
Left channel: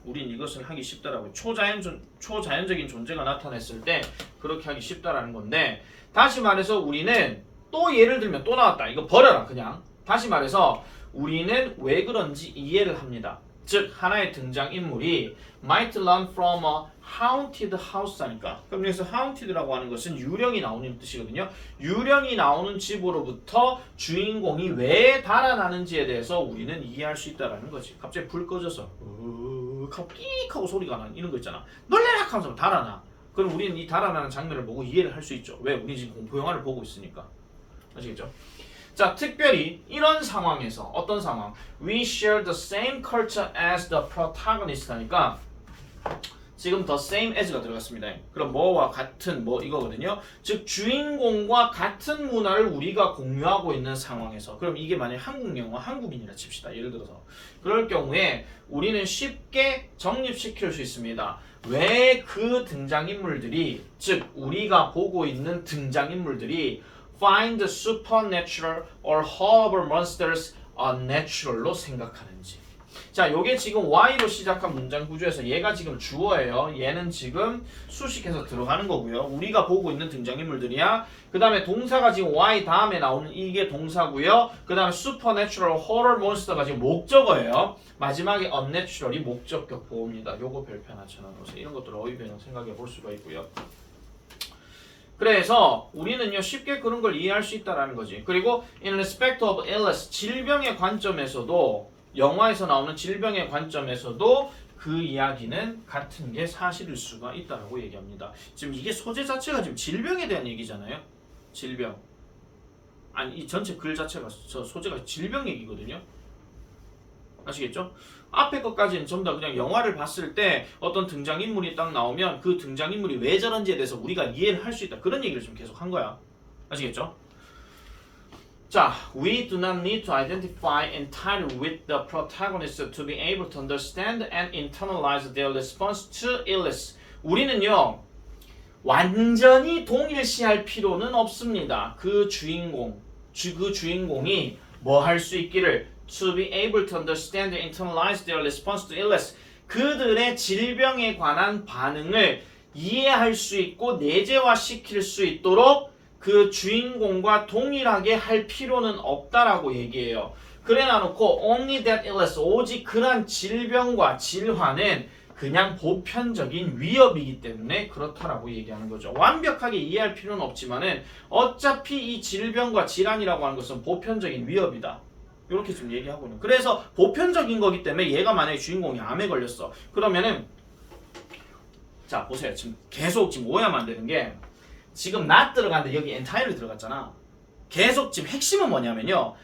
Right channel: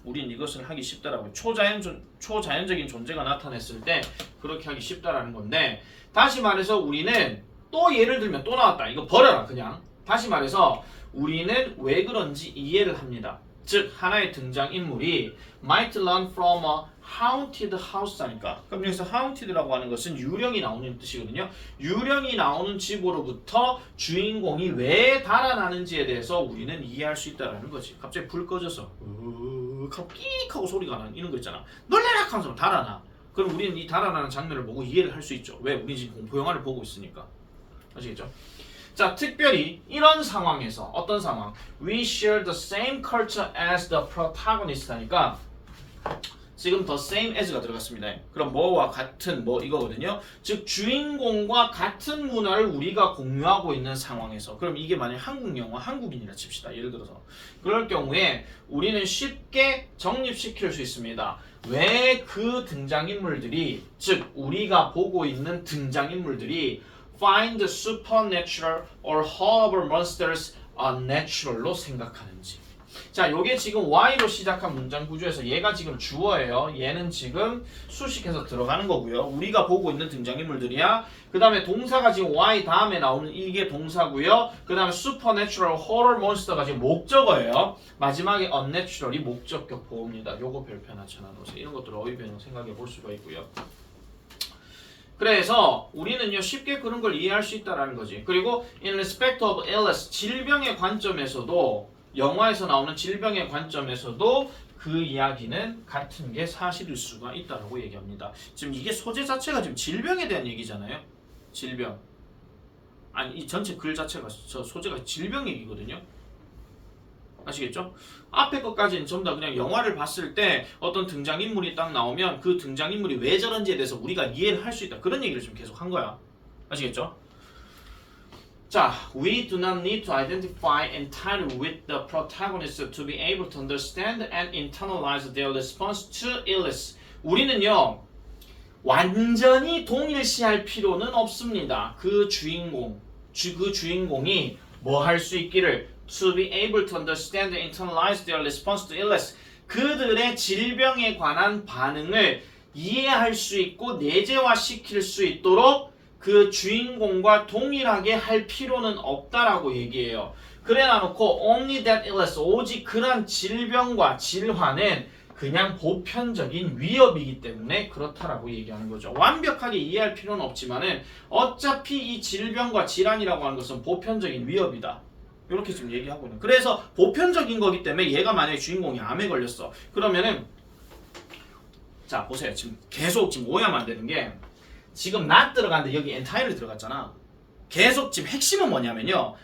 우린 이것을 하기 쉽다라고. 초자연적인 존재가 나타났을 때 그렇게 하기 쉽다라는 건데 다시 말해서 우리는 또 예를 들면 또 나왔다. 이거 버려라 그냥. 다시 말해서 우리는 왜 그런지 이해를 합니다. 즉 하나의 등장인물이 might learn from a haunted house 하니까 그럼 여기서 haunted라고 하는 것은 유령이 나오는 뜻이거든요. 유령이 나오는 집으로부터 주인공이 왜 달아나는지에 대해서 우리는 이해할 수 있다는 거지. 갑자기 불 꺼져서 끽 하고 소리가 나는 이런 거 있잖아. 놀래라 하면서 달아나. 그럼 우리는 이 달아나는 장면을 보고 이해를 할 수 있죠. 왜? 우리 지금 공포영화를 보고 있으니까. 아시겠죠? 자, 특별히 이런 상황에서 어떤 상황? We share the same culture as the protagonist 하니까 지금 the same as가 들어갔습니다. 그럼 뭐와 같은 뭐 이거거든요. 즉 주인공과 같은 문화를 우리가 공유하고 있는 상황에서 그럼 이게 만약 한국 영화 한국인이라 칩시다. 예를 들어서 그럴 경우에 우리는 쉽게 정립시킬 수 있습니다. 왜 그 등장인물들이 즉 우리가 보고 있는 등장인물들이 find supernatural or horrible monsters unnatural로 생각하는지. 자, 요게 지금 Y로 시작한 문장 구조에서 얘가 지금 주어예요. 얘는 지금 수식해서 들어가는 거고요. 우리가 보고 있는 등장인물들이야. 그 다음에 동사가 지금 Y 다음에 나오는 이게 동사고요. 그 다음에 supernatural, horror monster가 지금 목적어예요. 마지막에 unnatural이 목적격 보호입니다. 요거 별표 하나 쳐놔놓으세요. 이런 것들 어휘 변형 생각해 볼 수가 있고요. 그래서 우리는요 쉽게 그런 걸 이해할 수 있다라는 거지. 그리고 in respect of illness 질병의 관점에서도 영화에서 나오는 질병의 관점에서도 그 이야기는 같은 게 사실일 수가 있다라고 얘기합니다. 지금 이게 소재 자체가 지금 질병에 대한 얘기잖아요. 질병. 아니 이 전체 글 자체가 저 소재가 질병 얘기거든요. 아시겠죠? 앞에 것까지는 전부 다 그냥 영화를 봤을 때 어떤 등장인물이 딱 나오면 그 등장인물이 왜 저런지에 대해서 우리가 이해를 할 수 있다. 그런 얘기를 좀 계속 한 거야. 아시겠죠? 자, we do not need to identify entirely with the protagonist to be able to understand and internalize their response to illness. 우리는요, 완전히 동일시할 필요는 없습니다. 그 주인공이 뭐 할 수 있기를 to be able to understand and internalize their response to illness. 그들의 질병에 관한 반응을 이해할 수 있고 내재화시킬 수 있도록 그 주인공과 동일하게 할 필요는 없다라고 얘기해요. 그래 놔놓고 only that illness, 오직 그런 질병과 질환은 그냥 보편적인 위협이기 때문에 그렇다라고 얘기하는 거죠. 완벽하게 이해할 필요는 없지만은 어차피 이 질병과 질환이라고 하는 것은 보편적인 위협이다. 이렇게 지금 얘기하고 있는. 그래서 보편적인 거기 때문에 얘가 만약에 주인공이 암에 걸렸어. 그러면은 자 보세요. 지금 계속 지금 오해하면 안 되는 게 지금 not 들어갔는데 여기 entirely 들어갔잖아. 계속 지금 핵심은 뭐냐면요.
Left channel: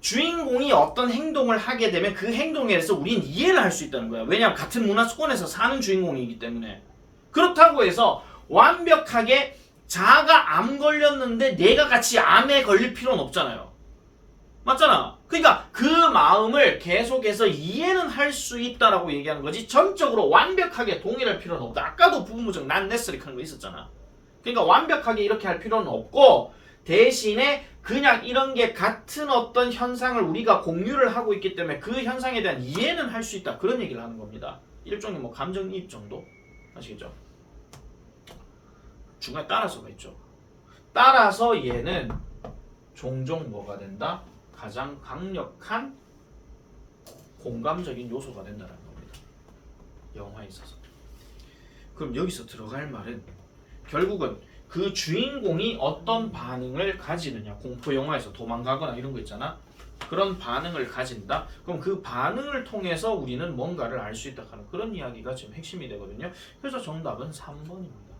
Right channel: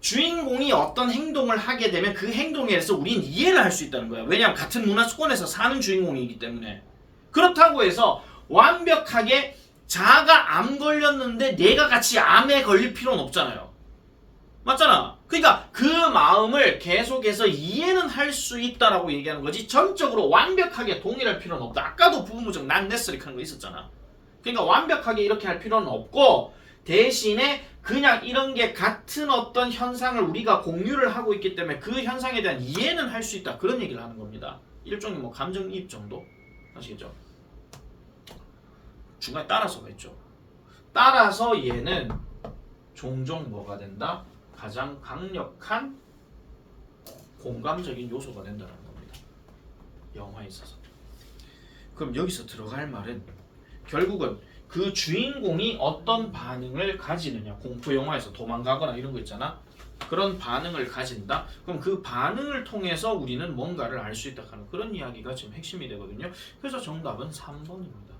주인공이 어떤 행동을 하게 되면 그 행동에 대해서 우린 이해를 할 수 있다는 거야. 왜냐하면 같은 문화권에서 사는 주인공이기 때문에. 그렇다고 해서 완벽하게 자가 암 걸렸는데 내가 같이 암에 걸릴 필요는 없잖아요. 맞잖아. 그러니까 그 마음을 계속해서 이해는 할 수 있다라고 얘기하는 거지 전적으로 완벽하게 동일할 필요는 없다. 아까도 부분무적 not necessary 하는 거 있었잖아. 그러니까 완벽하게 이렇게 할 필요는 없고 대신에 그냥 이런 게 같은 어떤 현상을 우리가 공유를 하고 있기 때문에 그 현상에 대한 이해는 할 수 있다. 그런 얘기를 하는 겁니다. 일종의 뭐 감정이입 정도? 아시겠죠? 중간에 따라서가 있죠. 따라서 얘는 종종 뭐가 된다? 가장 강력한 공감적인 요소가 된다는 겁니다. 영화에 있어서. 그럼 여기서 들어갈 말은 결국은 그 주인공이 어떤 반응을 가지느냐. 공포 영화에서 도망가거나 이런 거 있잖아. 그런 반응을 가진다. 그럼 그 반응을 통해서 우리는 뭔가를 알 수 있다 하는 그런 이야기가 지금 핵심이 되거든요. 그래서 정답은 3번입니다.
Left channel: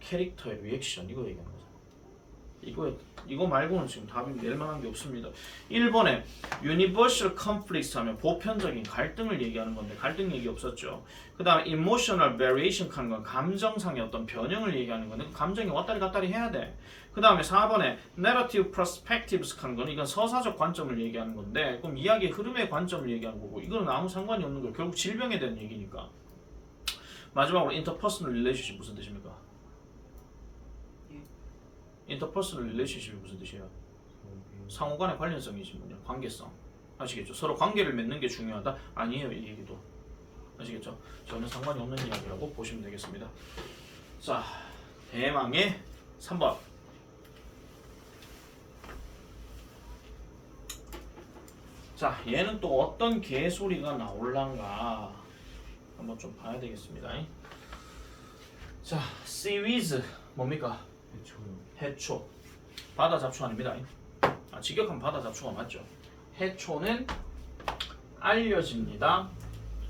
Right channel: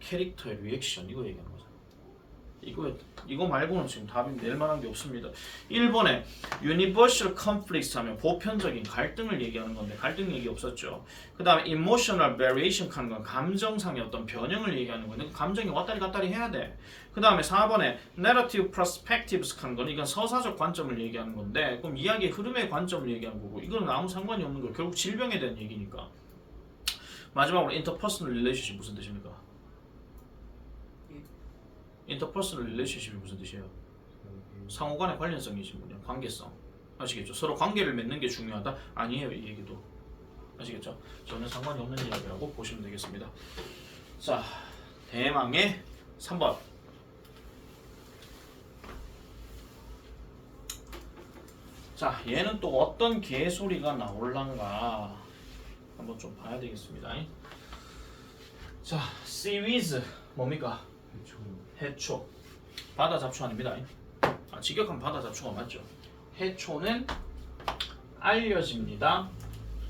캐릭터의 리액션 이거 얘기하는 거죠. 이거 말고는 지금 답이 낼 만한 게 없습니다. 1번에 universal conflicts 하면 보편적인 갈등을 얘기하는 건데 갈등 얘기 없었죠. 그 다음에 emotional variation 하는 건 감정상의 어떤 변형을 얘기하는 건데 감정이 왔다리 갔다리 해야 돼. 그 다음에 4번에 narrative perspectives 하는 건 이건 서사적 관점을 얘기하는 건데 그럼 이야기의 흐름의 관점을 얘기하는 거고 이거는 아무 상관이 없는 거 결국 질병에 대한 얘기니까. 마지막으로 interpersonal relationship 무슨 뜻입니까? 인터퍼스널 릴레이션십이 무슨 뜻이에요? 상호간의 관련성이지 뭐냐 관계성 아시겠죠? 서로 관계를 맺는 게 중요하다? 아니에요 이 얘기도 아시겠죠? 전혀 상관이 없는 이야기라고 보시면 되겠습니다. 자 대망의 3번 자 얘는 또 어떤 개소리가 나올란가 한번 좀 봐야 되겠습니다. 자 seaweed 뭡니까? 해초 바다 잡초 아닙니다. 직역한 바다 잡초가 맞죠. 해초는 알려집니다.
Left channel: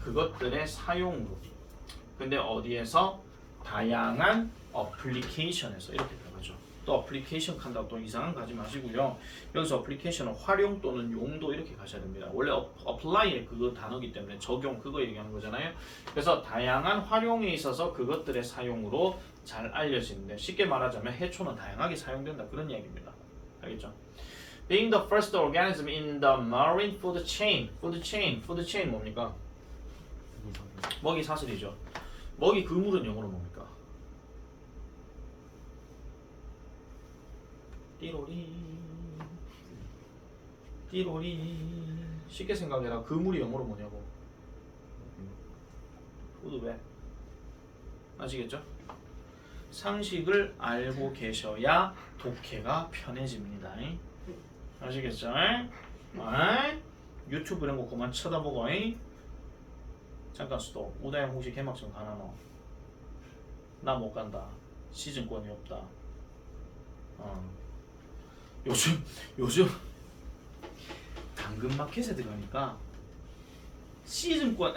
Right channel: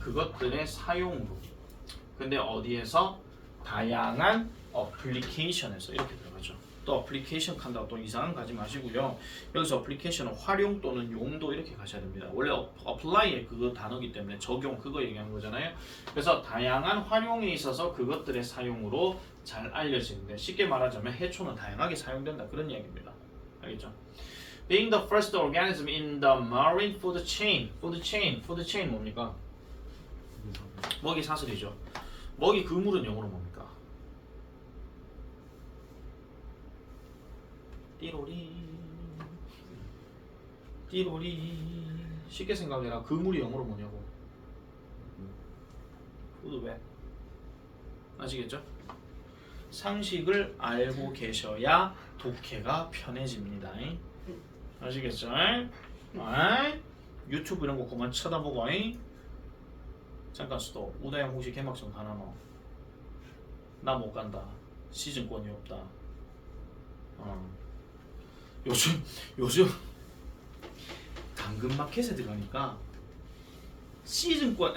그것들의 사용으로. 근데 어디에서? 다양한 어플리케이션에서 이렇게 들어가죠. 또 어플리케이션 한다고 또 이상한 거 가지 마시고요. 여기서 어플리케이션은 활용 또는 용도 이렇게 가셔야 됩니다. 원래 apply의 그 단어기 때문에 적용 그거 얘기하는 거잖아요. 그래서 다양한 활용에 있어서 그것들의 사용으로 잘 알려지는데 쉽게 말하자면 해초는 다양하게 사용된다 그런 이야기입니다. 알겠죠? Being the first organism in the marine food chain. food chain 뭡니까? 먹이 사슬이죠. 먹이 그물은 영어로 뭡니까? 띠로리 쉽게 생각해라. 그물이 영어로 뭐냐고. 푸드백 아시겠죠? 상식을 알고 계셔야 독해가 편해집니다. 아시겠죠? 유튜브 이런 거 그만 쳐다보고 잠깐 스톱. 우다영 혹시 개막전 가나노? 나 못 간다. 시즌권이 없다. 요즘 당근마켓에 들어가니까 시즌권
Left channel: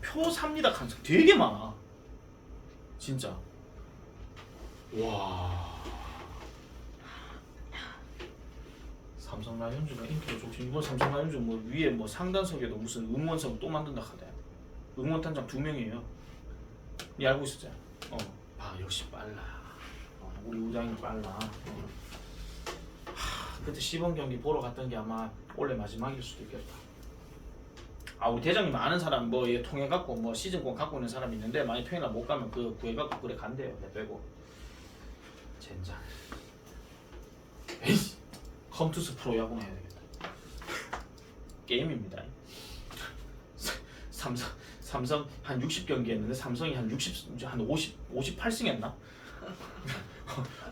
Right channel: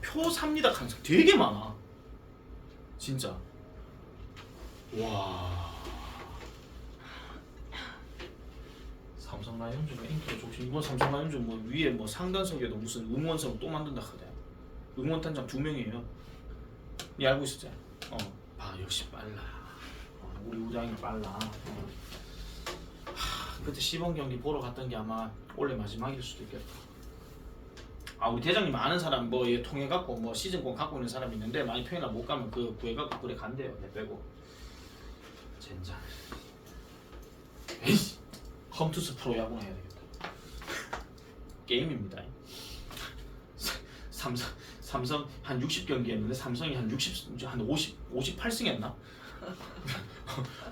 표 삽니다 가능성 되게 많아. 진짜. 와. 삼성 라이온즈가 인기가 좋지. 이번 삼성 라이온즈 뭐 위에 뭐 상단석에도 무슨 응원석 또 만든다 하대. 응원단장 2명이에요. 니 알고 있었지? 역시 빨라. 우리 우장이 빨라. 그때 시범 경기 보러 갔던 게 아마 올해 마지막일 수도 있겠다. 우리 대장님 아는 사람 뭐 이게 통해 갖고 뭐 시즌권 갖고 있는 사람이 있는데 만약 평일날 못 가면 그 구해 갖고 그래 간대요. 내 빼고. 젠장. 에이, 컴투스 프로 야구는 해야 되겠다. 게임입니다. 삼성 한 60경기 했는데 삼성이 한 58승 했나?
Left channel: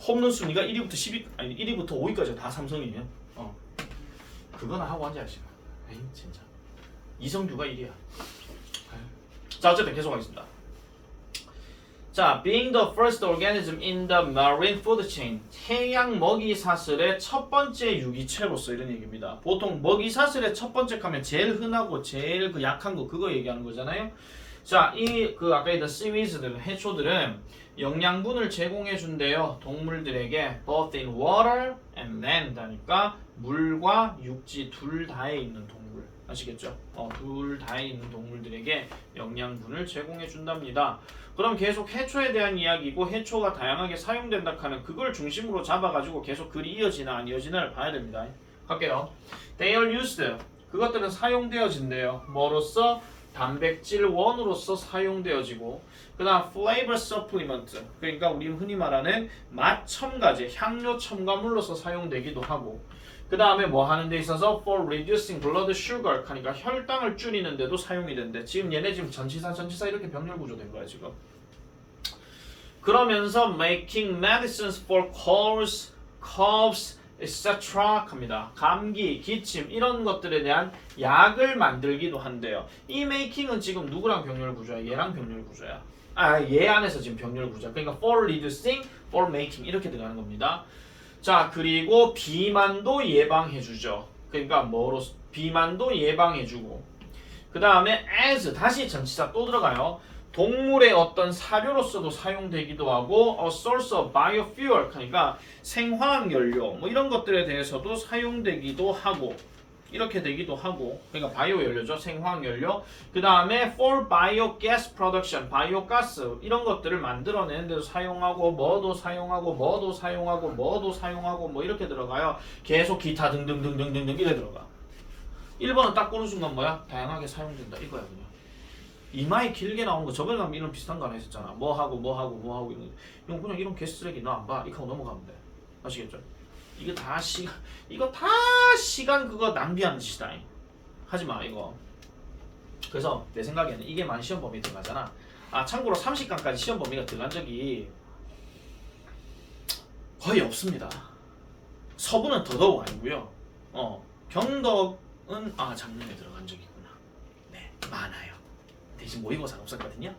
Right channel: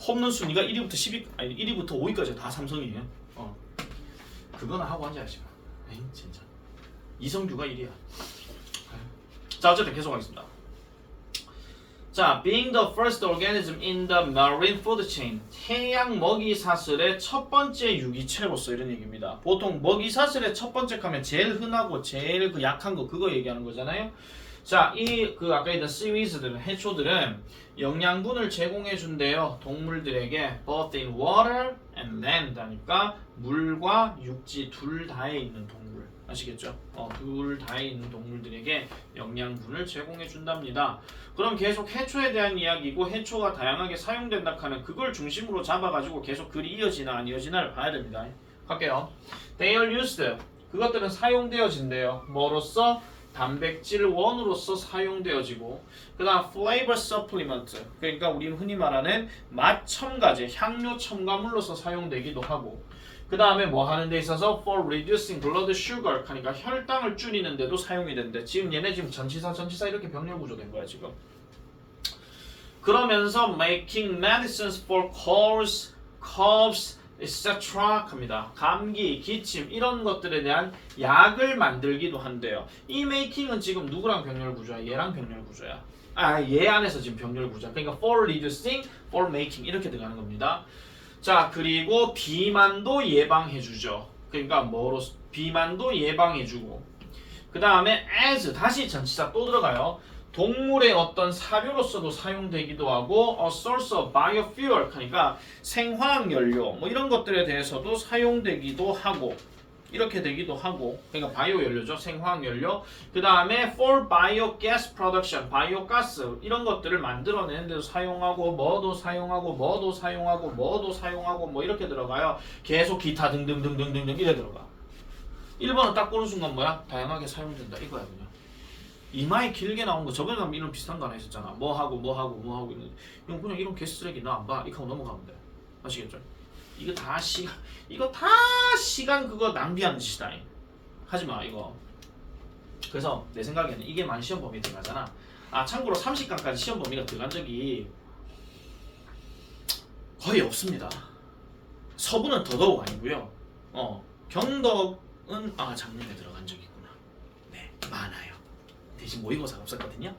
홈런 순위가 1위부터 1위부터 5위까지 다 삼성이에요. 그거나 하고 앉아야지. 에이, 진짜. 이성규가 1위야. 자, 어쨌든 계속하겠습니다. 자, being the first organism in the marine food chain, 해양 먹이 사슬의 첫 번째 유기체로서 이런 얘기입니다. 보통 먹이 사슬의 첫 번째 하면 제일 흔하고 제일 그 약한 거 그거 얘기하는 거잖아요. 자, 아까 있던 seaweeds들은 해초들은 영양분을 제공해 준대요. 동물들에게 both in water and land 하니까 물과 육지 둘 다에 있는 동물. 아시겠죠? 둘 다에 있는 동물들에게 영양분을 제공해 준답니다. 그럼 계속 해초에 대한 이야기고 해초가 다양하게 사용된다 하는 그걸 중심으로 잡아가지고 계속 글이 이어지나 안 이어지나를 봐야 됩니다. 갈게요. They are used. 그것들은 사용되어진대요. 뭐로써? 단백질 원으로서 사용되어지고 그 다음 flavor supplement 그러니까 우리는 흔히 말하는 맛 첨가제, 향료 첨가물로서 사용되기도 하고 그 다음에 뭐 하는 데 있어서 for reducing blood sugar 하니까 혈당을 줄이는 데도 사용이 된대. 지금 얘네 지금 전치사 이렇게 병렬 구조된 거야 지금. 그러면서 making medicines for colds, coughs, etc. 합니다. 감기, 기침 이런 것들에 대한 약을 만들기도 한대요. 이 making은 지금 누구랑 병렬 구조야? 얘랑 병렬 구조야. 얘 안에서 지금 병렬 구조야. 그러니까 for reducing, for making 이렇게 들어가는 겁니다. 자, 그리고 비만도 예방해주죠. 그러니까 뭐로 비만도 예방해주고 그 다음에 as 다시 전치사 또 들어가요. 동물의 어떤 사료로서도 사용되기도 하고 a source of biofuel 그러니까 생화학 연료 뭐 이런 것들에 대해서도 사용되기도 하고 이렇게 되기도 하고 그러니까 바이오 연료죠. 생화학 연료. 그 다음에 for biogas production 바이오가스 이런 것들을 만들어내는 데도 사용하고 뭐도 사용하고 뭐도 사용하고 뭐도 사용하고 뭐 이렇게 들어가요. 계속 기타 등등등등등등 이래 들어가. 1번은 딱 보는 순간 뭐야? 다양하게 사용된다 이거야 그냥. 이마에 길게 나온 거 저번에 가면 이런 비슷한 거 하나 있었잖아. 뭐하고 이런 그냥 이런 개쓰레기 너 안 봐. 이거 하고 넘어가면 돼. 아시겠죠? 이거 다 시간 그거 낭비하는 짓이다. 하지마 이거. 그래서 내 생각에는 이게 많이 시험 범위에 들어가잖아. 참고로 30강까지 시험 범위가 들어간 적이 거의 없습니다. 서부는 더더욱 아니고요. 경덕은 작년에 들어간 적이 있구나. 네, 많아요. 대신 모의고사는 없었거든요.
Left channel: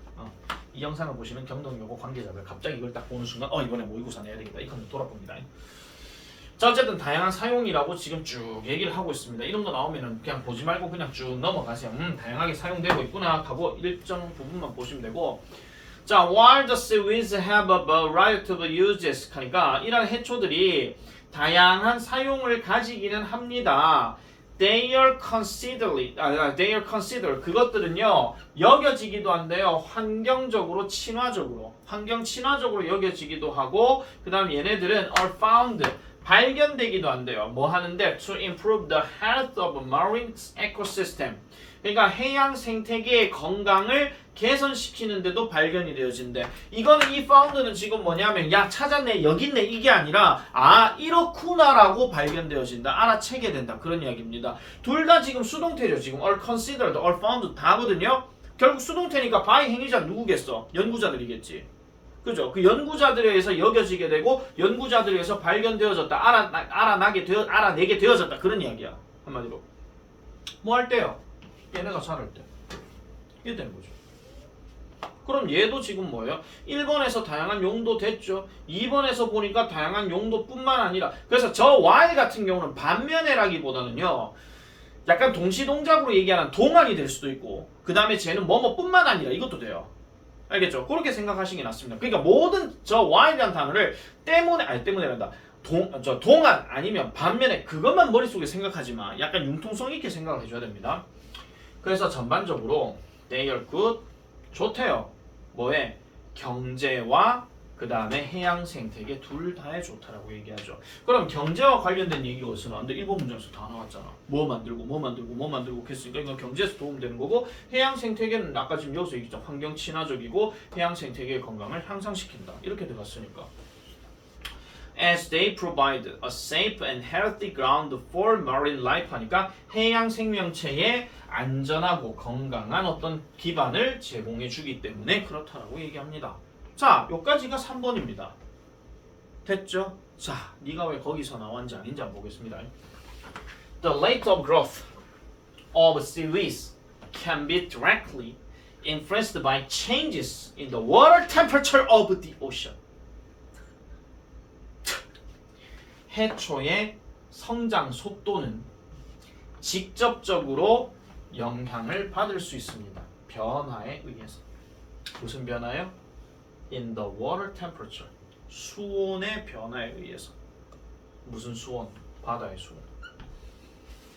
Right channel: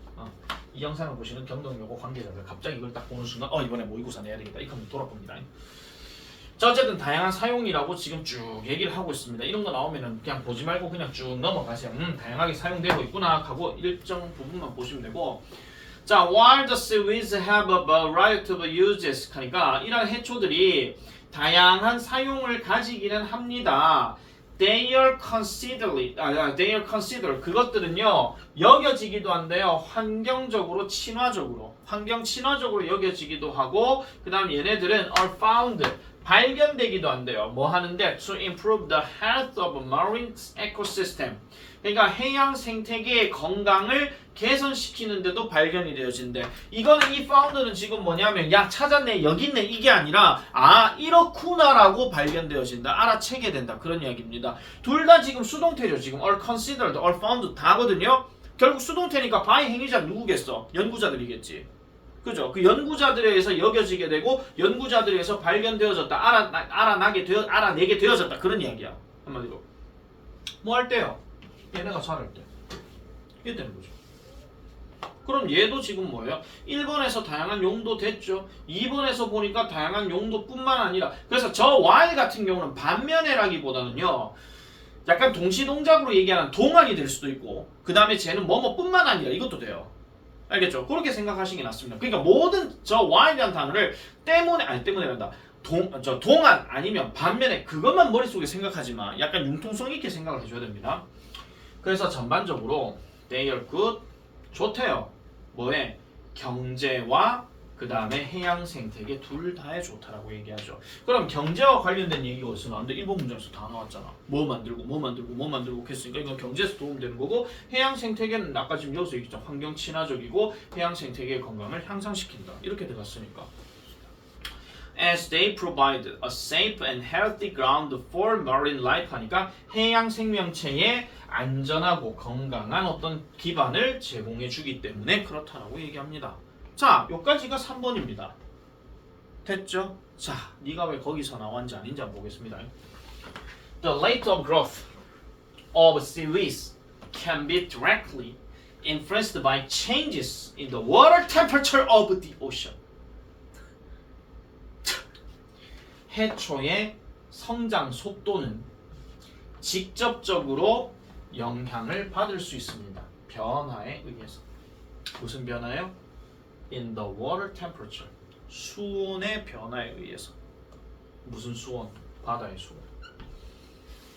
이 영상을 보시는 경덕여고 관계자들 갑자기 이걸 딱 보는 순간 이번에 모의고사 내야 되겠다. 이 칸도 돌아봅니다. 자, 어쨌든 다양한 사용이라고 지금 쭉 얘기를 하고 있습니다. 이런 거 나오면은 그냥 보지 말고 그냥 쭉 넘어가세요. 다양하게 사용되고 있구나 하고 일정 부분만 보시면 되고. 자, while the seaweeds have a variety of uses 하니까 이런 해초들이 다양한 사용을 가지기는 합니다. They are considered 그것들은요 여겨지기도 한데요 환경 친화적으로 여겨지기도 하고 그 다음 얘네들은 are found 발견되기도 한대요. 뭐 하는데 to improve the health of marine ecosystem 그러니까 해양 생태계의 건강을 개선시키는데도 발견이 되어진대. 이거는 이 found는 지금 뭐냐면 야 찾았네 여기 있네 이게 아니라 이렇구나라고 발견되어진다. 알아채게 된다. 그런 이야기입니다. 둘 다 지금 수동태죠. 지금 are considered, are found 다거든요. 결국 수동태니까 by 행위자 누구겠어? 연구자들이겠지. 그죠? 그 연구자들에 의해서 여겨지게 되고 연구자들에 의해서 발견되어졌다. 알아내게 되어졌다. 그런 이야기야. 한마디로. 뭐 할 때요? 얘네가 자랄 때. 이게 되는 거죠. 그럼 얘도 지금 뭐예요? 1번에서 다양한 용도 됐죠. 2번에서 보니까 다양한 용도뿐만 아니라 그래서 저 Y 같은 경우는 반면에라기보다는요. 약간 동시동작으로 얘기하는 동안이 될 수도 있고 그 다음에 쟤는 뭐뭐뿐만 아니라 이것도 돼요. 알겠죠? 그렇게 생각하시는 게 낫습니다. 그러니까 모든 저 Y라는 단어를 때문에 한다. 동안 아니면 반면에 그것만 머릿속에 생각하지 마. 약간 융통성 있게 생각을 해줘야 됩니다. 그래서 전반적으로 they are good 좋대요. 뭐에? 경제와 그 다음에 해양 생태계 둘 다에 좋다라고 얘기하죠. 그럼 경제와 관련된 얘기가 어디서 나왔는데 일본 문장에서 다 나왔잖아. 뭐 만들고 뭐 만들고 뭐 만들고 했으니까 이건 경제에서 도움되는 거고 해양 생태계는 아까 지금 여기서 얘기했죠. 환경 친화적이고 해양 생태계의 건강을 향상시킨다. 이렇게 들어갔으니까. As they provide a safe and healthy ground for marine life 하니까 해양 생명체의 안전하고 건강한 어떤 기반을 제공해 주기 때문에 그렇다라고 얘기합니다. 자, 여기까지가 3번입니다. 됐죠? 자, 네가 왜 거기서 나왔는지 아닌지 한번 보겠습니다. The rate of growth of seaweeds can be directly influenced by changes in the water temperature of the ocean. 해초의 성장 속도는 직접적으로 영향을 받을 수 있습니다. 변화에 의해서. 무슨 변화요? In the water temperature. 수온의 변화에 의해서. 무슨 수온? 바다의 수온.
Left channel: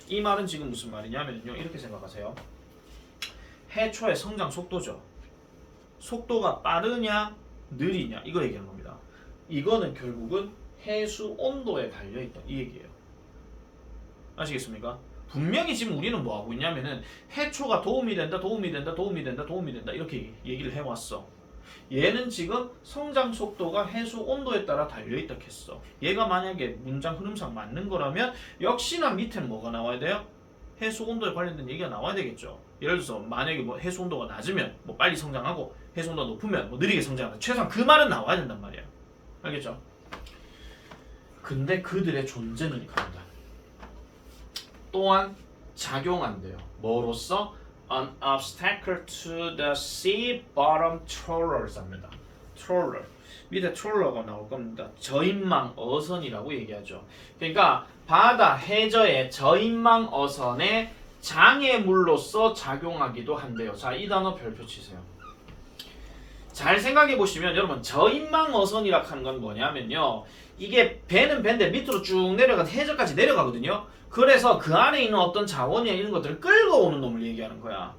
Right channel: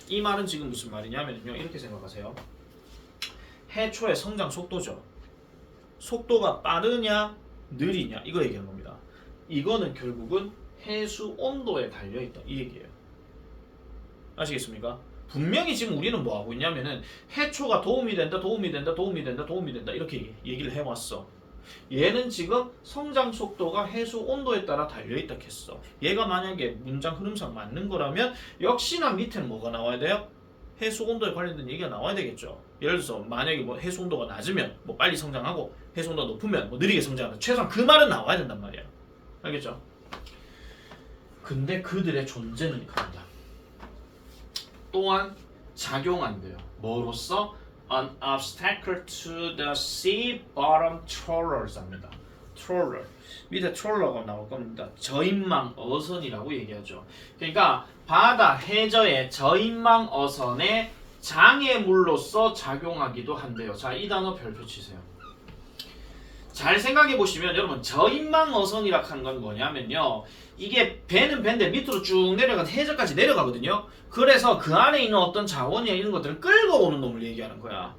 이 말은 지금 무슨 말이냐면요. 이렇게 생각하세요. 해초의 성장 속도죠. 속도가 빠르냐, 느리냐 이거 얘기하는 겁니다. 이거는 결국은 해수 온도에 달려있다 이 얘기예요. 아시겠습니까? 분명히 지금 우리는 뭐 하고 있냐면은 해초가 도움이 된다 이렇게 얘기를 해왔어. 얘는 지금 성장 속도가 해수 온도에 따라 달려있다 했어. 얘가 만약에 문장 흐름상 맞는 거라면 역시나 밑에는 뭐가 나와야 돼요? 해수 온도에 관련된 얘기가 나와야 되겠죠. 예를 들어서 만약에 뭐 해수 온도가 낮으면 뭐 빨리 성장하고 해수 온도가 높으면 뭐 느리게 성장한다. 최소한 그 말은 나와야 된단 말이야. 알겠죠? 근데 그들의 존재는 강하다. 또한 작용한대요. 뭐로써? An obstacle to the sea bottom trawlers 합니다. trawler. 밑에 trawler가 나올 겁니다. 저인망 어선이라고 얘기하죠. 그러니까 바다 해저의 저인망 어선의 장애물로서 작용하기도 한대요. 자, 이 단어 별표 치세요. 잘 생각해 보시면 여러분 저인망 어선이라 하는 건 뭐냐면요. 이게 배는 배인데 밑으로 쭉 내려간 해저까지 내려가거든요. 그래서 그 안에 있는 어떤 자원이나 이런 것들을 끌고 오는 놈을 얘기하는 거야.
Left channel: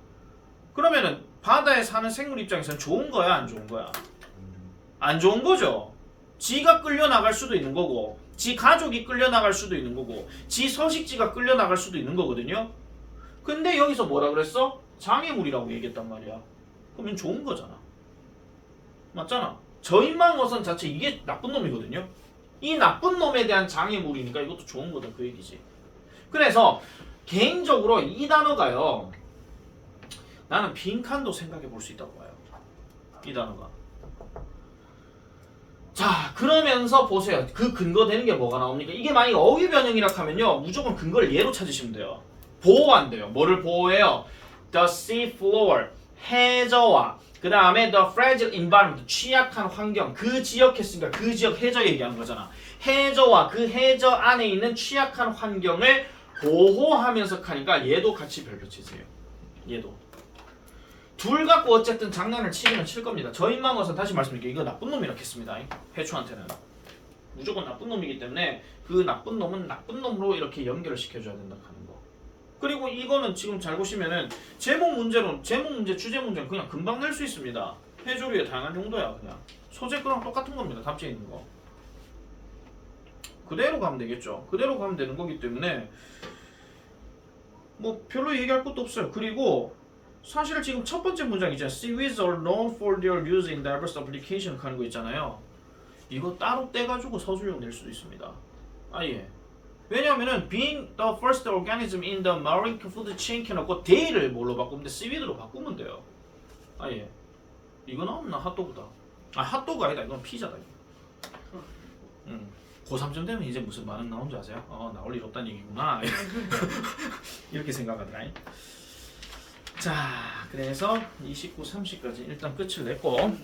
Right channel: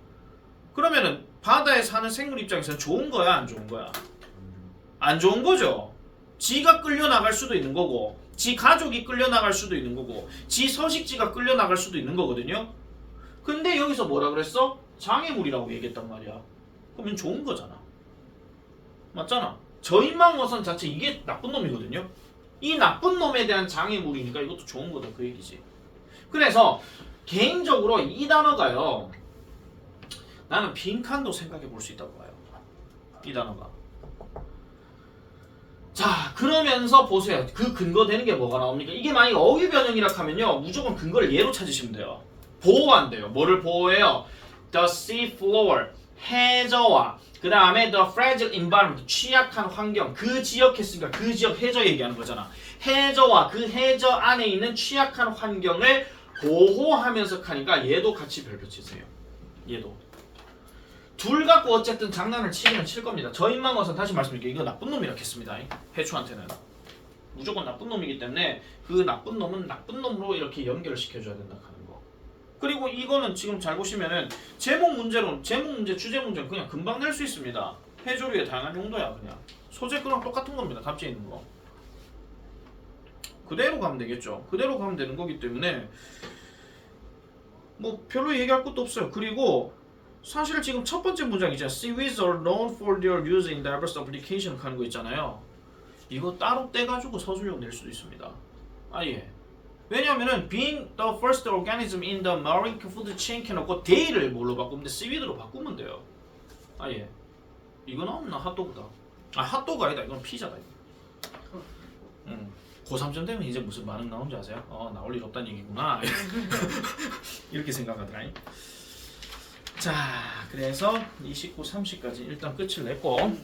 그러면은 바다에 사는 생물 입장에서는 좋은 거야, 안 좋은 거야? 안 좋은 거죠. 지가 끌려 나갈 수도 있는 거고, 지 가족이 끌려 나갈 수도 있는 거고, 지 서식지가 끌려 나갈 수도 있는 거거든요. 근데 여기서 뭐라 그랬어? 장애물이라고 얘기했단 말이야. 그러면 좋은 거잖아. 맞잖아. 저인망 어선 자체 이게 나쁜 놈이거든요. 이 나쁜 놈에 대한 장애물이니까 이것도 좋은 거다 그 얘기지. 그래서 개인적으로 이 단어가요. 나는 빈칸도 생각해 볼 수 있다고 봐요. 이 단어가. 자, 그러면서 보세요. 그 근거 되는 게 뭐가 나옵니까? 이게 만약에 어휘 변형이라 하면요. 무조건 근거를 예로 찾으시면 돼요. 보호한대요. 뭐를 보호해요? The sea floor. 해저와 그 다음에 the fragile environment, 취약한 환경, 그 지역 했으니까 그 지역 해저 얘기하는 거잖아. 해저와 그 해저 안에 있는 취약한 환경을 보호하면서 하니까 얘도 같이 별표 치세요. 얘도. 둘 갖고 어쨌든 장난을 치기는 칠 겁니다. 저인망 어선 다시 말씀드릴게요. 이거 나쁜 놈이라고 했습니다. 해초한테는. 무조건 나쁜 놈이기 때문에 그 나쁜 놈은 나쁜 놈으로 이렇게 연결을 시켜줘야 된다 하는 거. 그리고 이거는 지금 잘 보시면은 제목 문제, 주제 문제는 그냥 금방 낼 수 있습니다. 해조류의 다양한 용도야 그냥. 소재 거랑 똑같은 겁니다. 답지에 있는 거. 그대로 가면 되겠죠. 그대로 가면 되는 거기 때문에 뭐 별로 얘기할 것도 없어요. 그리고 사실 지금 첫 번째 문장 있잖아요. Seaweeds are known for their use in diverse application 하는 거 있잖아요. 이거 따로 떼가지고 서술형 낼 수도 있습니다. 아예. 왜냐면은 being the first organism in the marine food chain 해놓고 they를 뭘로 바꾸면 돼? seaweed로 바꾸면 돼요. 아예. 이거 나오나 핫도그다. 아 핫도그 아니다. 이건 피자다. 고3쯤 되면 이제 무슨 반응 나온지 아세요? 나올 일 없다는 얘기구나. 이렇게 생각하더라. 자, 그래서 29, 30까지 일단 끝을 냈고